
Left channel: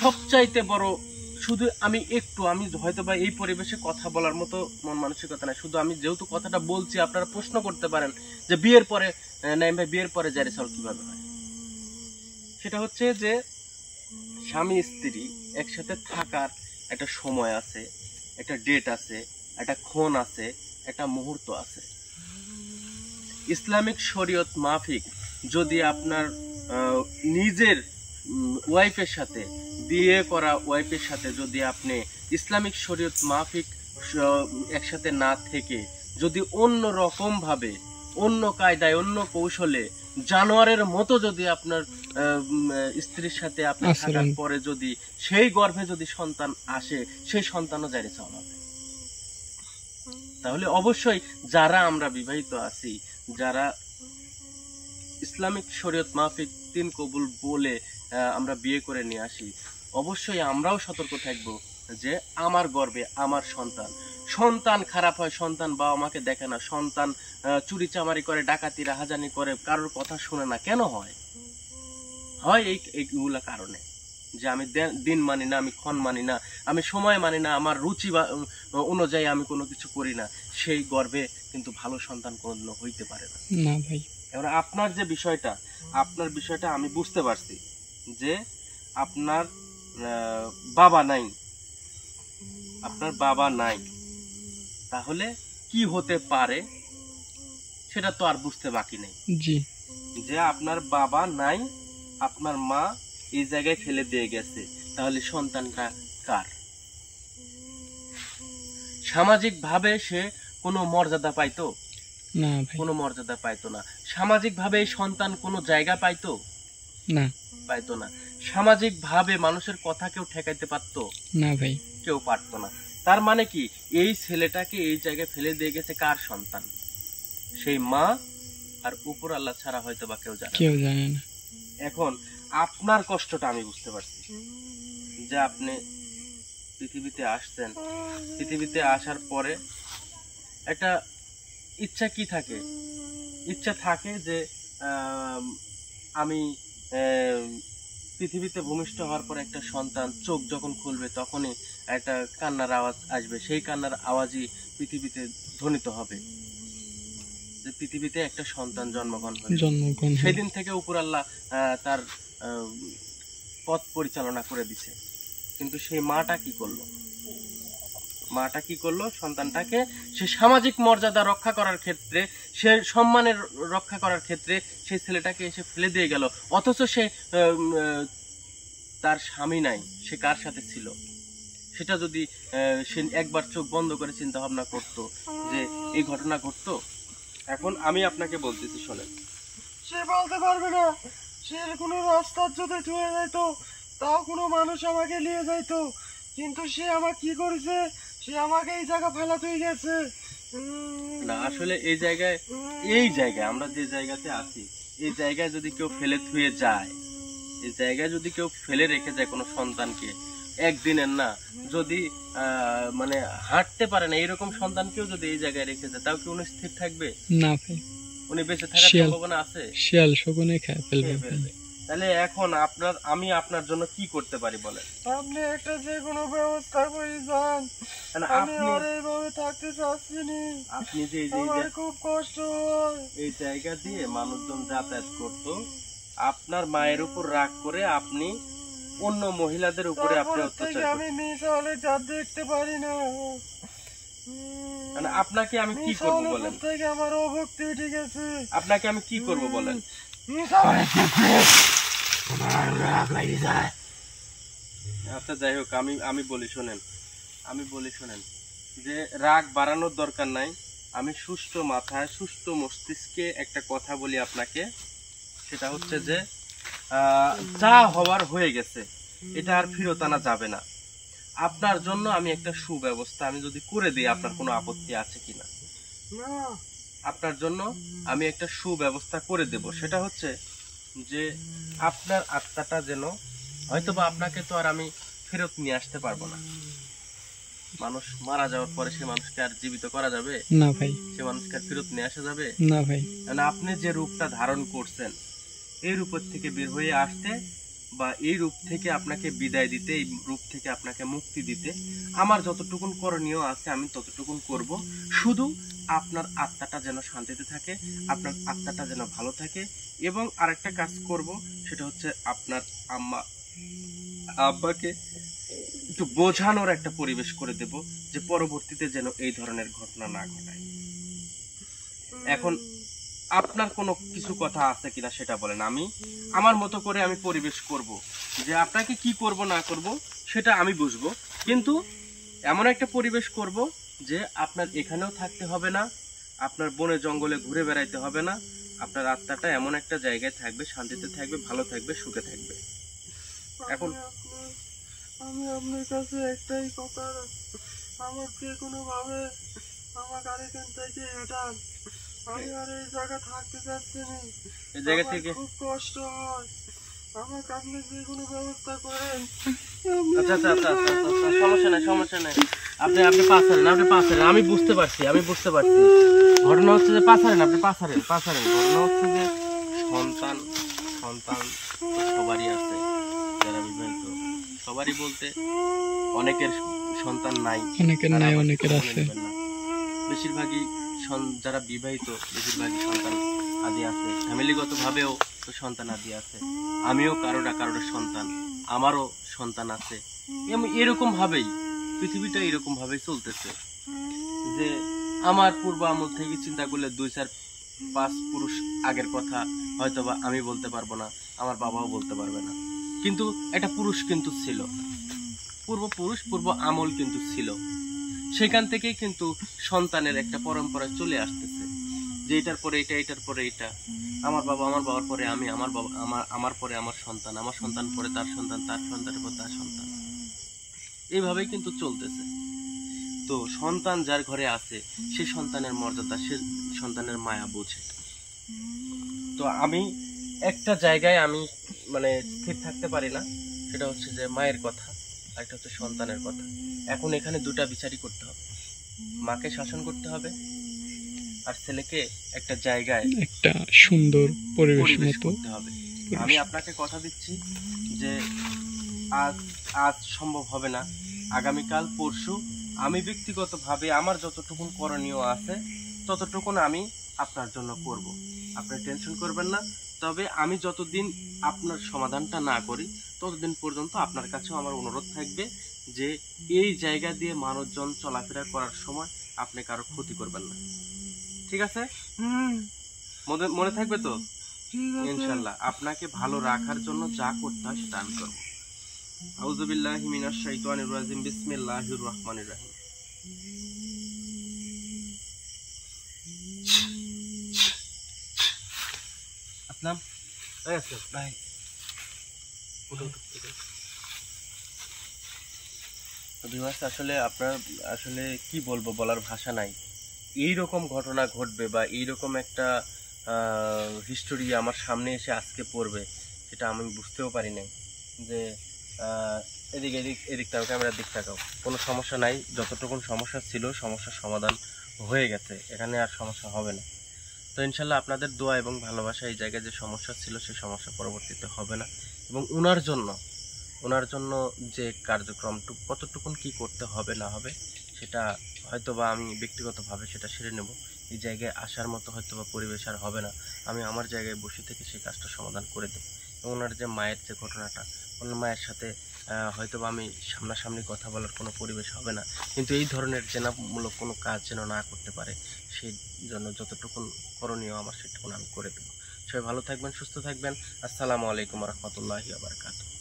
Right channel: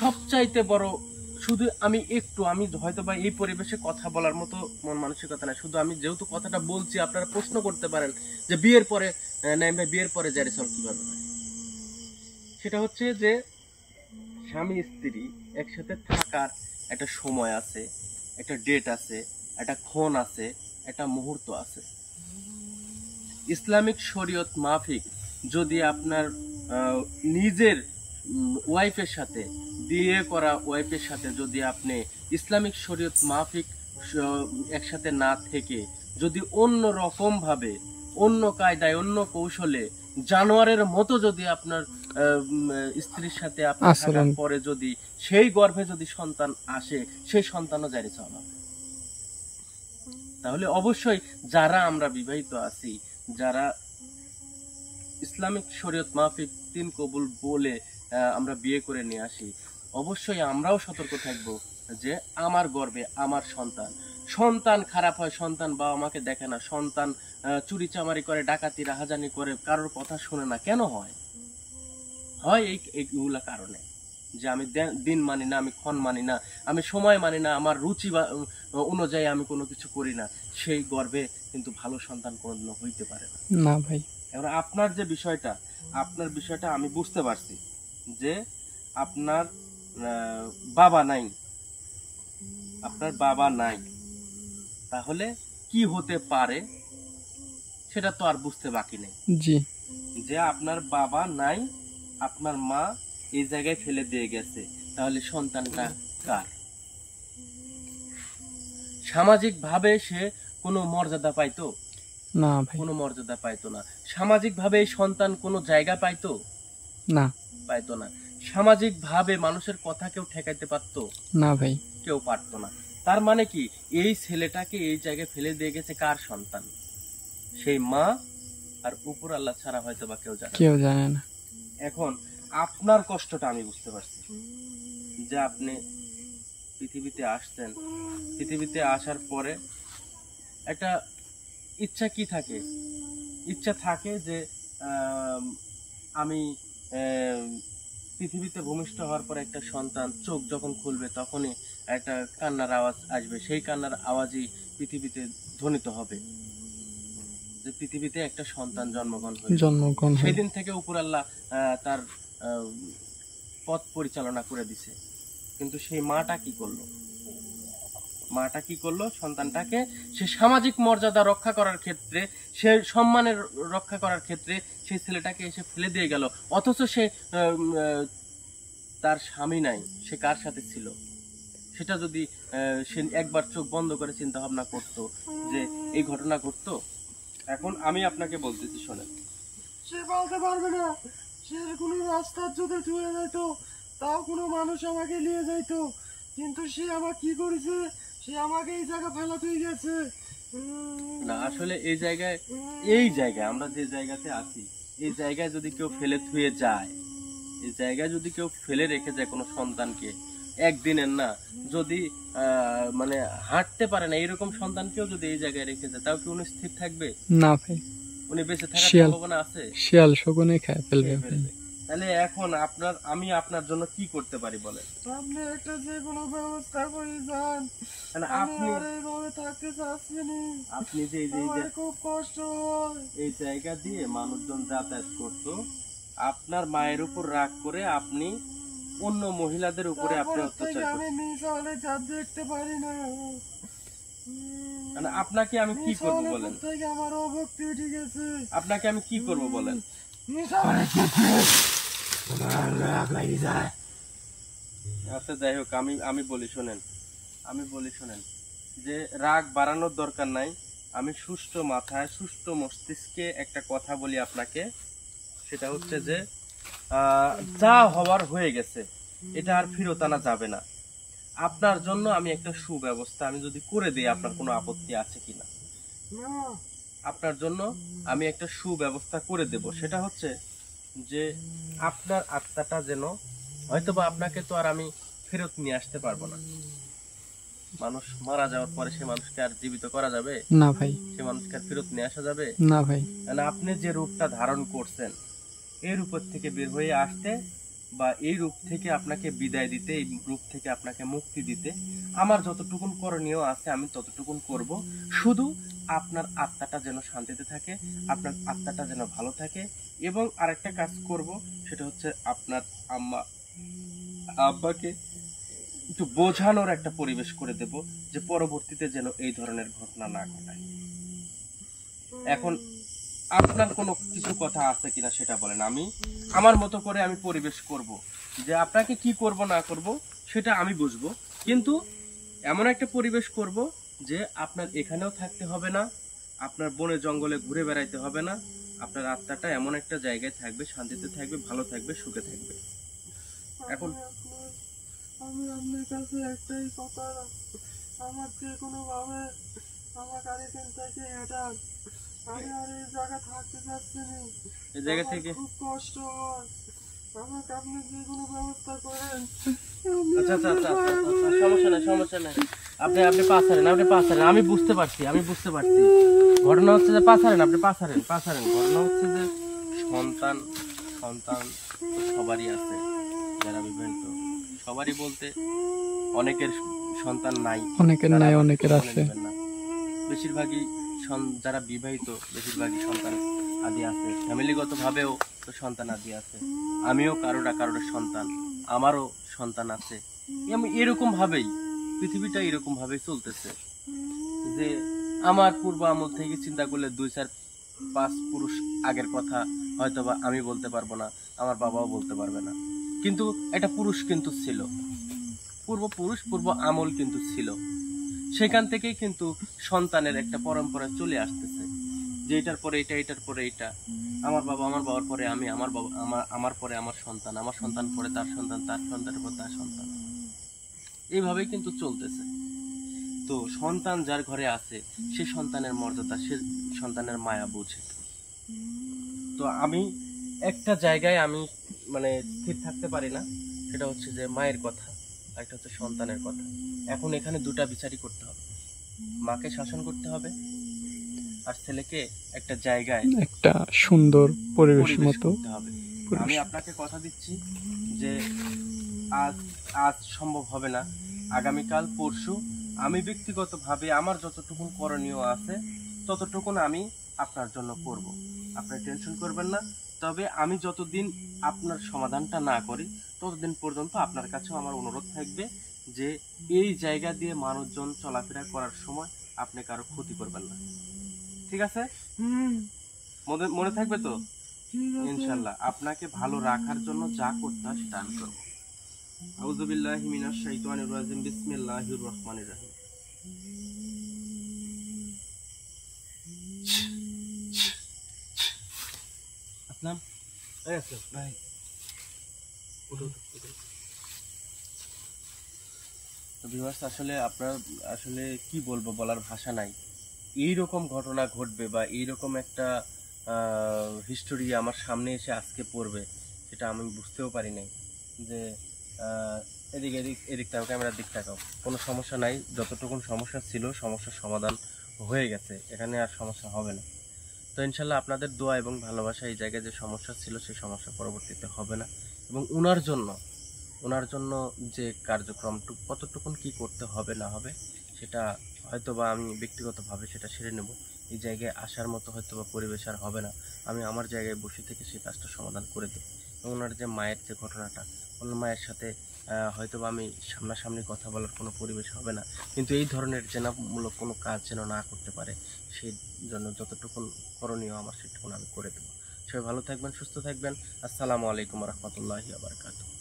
সবচাইতে বড়, শুধু আমি হয়তো বা এই পরিবেশে কথা বলার মতো মন মানসিকতা নাই, শুধু আমি যেহেতু কথাটা বলছি আপনারা প্রশ্ন করতে পারেন যে বিয়ের পরে নাইম ভাই বিয়ের পরে জাইরে সাওয়াল কিভাবে হয়? সেটা হচ্ছে যে স্বামী স্ত্রী একসাথে থাকার একটা সময় আছে, একটা ডেট আছে, একটা ক্ষণ আছে, একটা মুহূর্ত আছে। ইসলামিক শরীয়ত মাফিক যদি আপনার নিজের ওয়াইফের সাথে, বিয়ে করা ওয়াইফের সাথে যদি আপনি ইসলামিক শরীয়ত মাফিক একসাথে না থেকে যদি অন্য রকম ভাবে, অন্য কায়দায়, অন্য কৌশলে, জানোয়ারের মতো যদি আপনার স্ত্রীর সাথে আপনার থাকার পরে যদি সেই গর্ভে যদি সন্তান আসে, সেই সন্তানও জাইরে সাওয়াল হবে। তাহলে অবশ্যই যারা আমরা বিবাহিত আছি, যারা ইসলামিক শরীয়ত মাফিক 3 কবুল বলে আমরা বিয়ে করে নিয়ে আসি, অবশ্যই আমরাও সতর্ক থাকবো যে আমার গর্ভে আমার সন্তান খারাপ হয়, সন্তান বাবা মাকে দেখে না, সন্তান চুরি চামারি করে, ডাকাতি রাহাজানি করে, কারোর কথা শুনে না, কেন হয় এইগুলা কারণে যে আমি দিন মানি না, আমি ক্ষণ মানি না, আমি সময় মানি না, আমার রুচি অনুযায়ী আমি কোনো কিছু করি না, সেই গর্ভে কিন্তু ভালো সন্তান কোনোদিনও হইতে পারে না ভাই। এবার আপনার বিষয়টা আমি বুঝতে পারছি যে আপনার বাবা নাই, তাহলে কি হতে পারে সেটা তো আর বুঝতে বাকি নেই। জি। যে আপনার বাবা নাই, আপনার মা এই জায়গায় ফেলে দিয়ে গেছে, তাহলে সন্তানটা কার? সামাজিক ভাবে সে কোনো মর্যাদা পাইতো না ভাই, কোনো মর্যাদা পাইতো না। সামাজিক ভাবে এই সন্তান কোনো জায়গা পাইতো না। সামাজিক ভাবে মানুষের কথা কেউ ঠেকাইতে পারতো না ভাই, কেউ পারতো না। তার মানে কি, এই ছেলেটাকে এই জায়গায় ফেলে দিয়ে গেছে কার সন্তান? সেই মা আর উপর আল্লাহ ছাড়া হয়তো বা কেউ জানে না। এখন আপনার কষ্টটা আমি বুঝতে পারছি যে আপনি পৃথিবীতে আসছেন, পৃথিবীতে আসার পরে একটা ইচ্ছা কি থাকে? ইচ্ছা থাকে যে আমি পৃথিবীতে ভূমিষ্ঠ হওয়ার পর একটা সন্তান চোখ যখন খুলবে তখনই একটা কান্নার আওয়াজ আসবে, সেই কান্নার আওয়াজই পৃথিবীতে ধ্বনিত হবে। যে পৃথিবীতে একটা সন্তান জন্মগ্রহণ হয়। সেদিন থেকে উপর আল্লাহ তার পথ পরিচালনা করে দিছে। কিন্তু সেই মাটা কি করলো? মাটা কি করলো? সন্তানটাকে সে সামাজিক মর্যাদা রক্ষা করার ক্ষেত্রে, সে সম্মানের রক্ষা করার ক্ষেত্রে সেই ছেলেটাকে এসে ফেলে দিয়ে গেল। অথচ সে তার স্বামী নাই, সে কার সাথে ছিল? সেটা যদি সে একবার চোখ বন্ধ করে চিন্তা ভাবনা করতো যে এই ঘটনা ঘটতো। এখন আমি আপনাকে বলতেছি, শোনেন, সে বলতে পারবে না। সে কোনো রাস্তা যদি চলে যাইতো, তাও কোনো মানুষ আমাকে নিয়ে যাইতো। কিন্তু সে আমার কি করেছে? সে আমাকে এই জায়গা ফেলাতেই গেছে। না, আসলে এই জায়গায় আমরা যে জায়গাতে আছি, এই জায়গায় যদি কেউ ফেলে থুয়ে যায়, এই জায়গায় যদি কেউ ফেলে রেখে যায় কোনো সন্তানকে, একদিনের না, যদি মানে হাঁটতে পারে না এরকম সন্তানকেও যদি এই জায়গায় রেখে যায়, তাও কি উনি স্থির থাকবে? না ভাই, উনি বেঁচে থাকার সম্ভাবনা আছে? শিয়াল শকুনে খেয়ে ফেলবে। তাহলে এখন আমি আপনার জন্য কি করতে পারি বলেন? আপনি একটা যে কোনো ব্যবস্থা করে যান। আমি আর এইভাবে থাকতে চাচ্ছি না। আপনি যে আমার খুব কষ্ট হয়। এই জায়গা দিয়ে মানুষজন যাতায়াত করতো, আপনার মায়ের উপর রাগ করে আপনি অন্য মহিলাদের উপরে আপনি অত্যাচার করতেন। আমি নিচে হলে যা দেখতে পারি না। মানে আপনাকে আমি কি করব বলেন? আমার অভক্তি উঠে গেছে। আপনাকে আমি কি করব বলেন? আচ্ছা যাই হোক, আমি বলি শোনেন, যে রাগ বাড়ানোর দরকার নাই। আমি সুস্থ মাথায় সুস্থ মস্তিষ্কে একটা কথা বলি আপনাকে, সেটা হচ্ছে যে যা হওয়ার হয়ে গেছে, এটা আর ফেরত আনা যাবে না। আপনার জন্য আমি একটা সুব্যবস্থা আমি যদি করে দিই, আপনার কোনো আপত্তি আছে কিনা? আপনার জন্য আমি একটা সুব্যবস্থা করে দেব। সেটা হচ্ছে যে আপনার আত্মাটা যেন, হয়তোবা আপনাকে তো আর আমি ফেরত নিয়ে আসতে পারবো না। মানুষ মারা যাওয়ার পরে সে মানুষকে আর জীবিত করা যাবে? না ভাই। সে মানুষকে আর ফেরত নিয়ে আসা যাবে? না ভাই। আপনি যে রূপটা ধারণ করছেন, এই রূপের থেকে বের হয়ে আসতে বা এই রূপ থেকে আপনাকে বিদায় দিতে, এই রূপ থেকে আপনাকে মুক্তি দিতে আমার যতটুকুন করণীয় আছে আমি ততটুকুন করব। শুধু আপনার আত্মাটা যেন শান্তিতে থাকে, আপনার আত্মাটা যেন ভালো থাকে। এবং আরেকটা কাজ করব, সেটা হচ্ছে আপনার আব্বাকে একটু বোঝানোর একটা পরিবেশ করে দেব, যে পরবর্তীতে যেন এই ধরনের ঘটনা না ঘটায়। এখন আপনার কোনো কিছু কথা আছে কিনা সেটা বলেন। আমি আমার মতো করে আমি পরিবেশ করব, যে আপনাকে কি করব না করব সেটা আমি বুঝবো, কিন্তু এমন একটা পরিবেশ করব যে আপনার এখানেও থাকতে হবে না, আপনার বনে জঙ্গলে ঘুরে বেড়াইতে হবে না। আপনার আত্মাটা এমন একটা জায়গায় থাকবে, শান্তিতে থাকবে, ভালো থাকবে, সুখে থাকবে। এখন আমি আপনার কাছে একটাই কথা, আমার যে কোনো ভাবে আমাকে আর এখান থেকে হটান। আমি আর এই জায়গা থাকতে চাচ্ছি না। এই জায়গা থেকে খুব কষ্ট হয়। আমাকে আপনি যে কোনো ব্যবস্থা করেন। আচ্ছা, সমস্যা নাই। আপনি পাছারেন, আমি বুঝতে পারছি। ঘটনা হচ্ছে যে পাছারেন। ঘটনা হচ্ছে যে সন্তান সবারই আছে, যারা বিবাহিত সবারই বলতে অনেকের সন্তান নাই, অনেকের আছে। বেশিরভাগই যারা বিবাহিত বেশিরভাগই সন্তান আদি আছে, ফ্যামিলিগত ভাবেও তো সন্তান আদি আছে। আমিও কারোর সন্তান, আমারও সন্তান আছে। এরকম ভাবেই পৃথিবীটা এরকম ভাবেই চলতেছে, যে আমার পূর্ব আমল থেকে চিন্তা করলে 2, 4, 5 পুরুষ আগের কথা হয়তোবা আমি বলতে পারবো না, আমার বাবাও বলতে পারবে না, কিন্তু একটা পুরুষ কিন্তু ছিল, পূর্ব আমল কিন্তু ছিল। সেখান থেকেই কিন্তু সন্তানের একটা পরম্পরা চলে আসতেছে, যে এটার পরে এটা, এটার পরে এটা, আমার বাবার পরে আমি, আমার পরে আমার সন্তান পরে তার সন্তান, তার সন্তানের পর তার সন্তান, এইভাবেই কিন্তু চলতেছে। তো সন্তান যার ঘরে আছে সে সন্তানের মর্যাদা, সে সন্তানের মায়া বোঝে। তো আমি একটা জায়গায় আমি মানে স্থির থাকতে পারি না, সেটা হচ্ছে যে মায়ের কথা, একটা হচ্ছে সন্তানের কথা। এখন এখানে দুটা বিচারই করতে হবে, মাকে শাসন করতে হবে আর ছেলেকে একটা জায়গায় একটা সুন্দর পরিবেশ মতো করতে হবে। আমি আপনাকে কথা দিচ্ছি যে আজ সম্ভব হবে না, আগামীকাল পরশু আমি ব্যক্তিগতভাবে আমার যতটুকুন করণীয় আছে ততটুকুন আমি আপনার জন্য করব, আপনি টেনশন করবেন না। তবে আমি যতদিন আপনার সমাধানটা না করি ততদিন পর্যন্ত আপনার কাছেও আমার অনুরোধ থাকবে যে এই জায়গা দিয়ে মানুষজন চলাফেরা করার সময় আপনি কারো ক্ষতি করবেন না। ঠিক আছে? মনে থাকবে তো? ঠিক আছে। ইনশাল্লাহ আপনাকে ভালো রাখার জন্য যা করতে হয় সেটা আমি করবো। আউযু বিল্লাহি মিনাশ শাইতানির রাজিম, বিসমিল্লাহির রহমানির রহিম। আসলাম, এই আসলাম ভাই, উঠো উঠো উঠো। তো ভিউয়ার্স, আসলে আপনার আসলে কি বলবো, বলার ভাষা নাই। এই রকম ঘটনা ঘটবে বা এইরকম একটা হিস্টোরি আমার সামনে এসে আজকে পড়বে সেটা আমি বুঝতেও পারি নাই। যে এদিক এদিক এদিক তাকাও, ক্যামেরার দিক তাকাও, কোনো সমস্যা নাই। যতটুকুন সমস্যা ছিল সমস্যার সমাধান হয়ে গেছে, এখানে আর সমস্যা হবে না। তো ইনশাল্লাহ আপনাদের দোয়া এবং ভালোবাসা এই জায়গায় যে সমস্যা ছিল সেই সমস্যা পরবর্তীতে হবে না। এবং ওনার জন্য যে কার্যক্রমটুকু কতটুকুন কি করতে হবে না হবে সেটা হয়তো বা আমি ব্যক্তিগতভাবে সেটা সেরে নেব। এই জায়গায় আসার মতো হয়তো বা পরিবেশ আর হবে না, আমি আমার জায়গায় বসে থেকে সেই কাজটা সমাধান করে দেবো। এবং ওনার যে মায়ের যে ঘটনাটা, ওনার মায়ের সাথে হয়তো বা আমি সামনাসামনি কথা বলার কোনো পরিবেশ হবে না, কিন্তু এই ধরনের জেনামূলক কোনো কাজ যেন না করতে পারে সেই জন্য যতটুকুন করণীয় আমার সেটুকুন আমি করে দেবো। সবাই ভালো থাকবেন, সুস্থ থাকবেন। আসসালামু আলাইকুম রহমতুল্লাহি ওয়া বারাকাতুহু।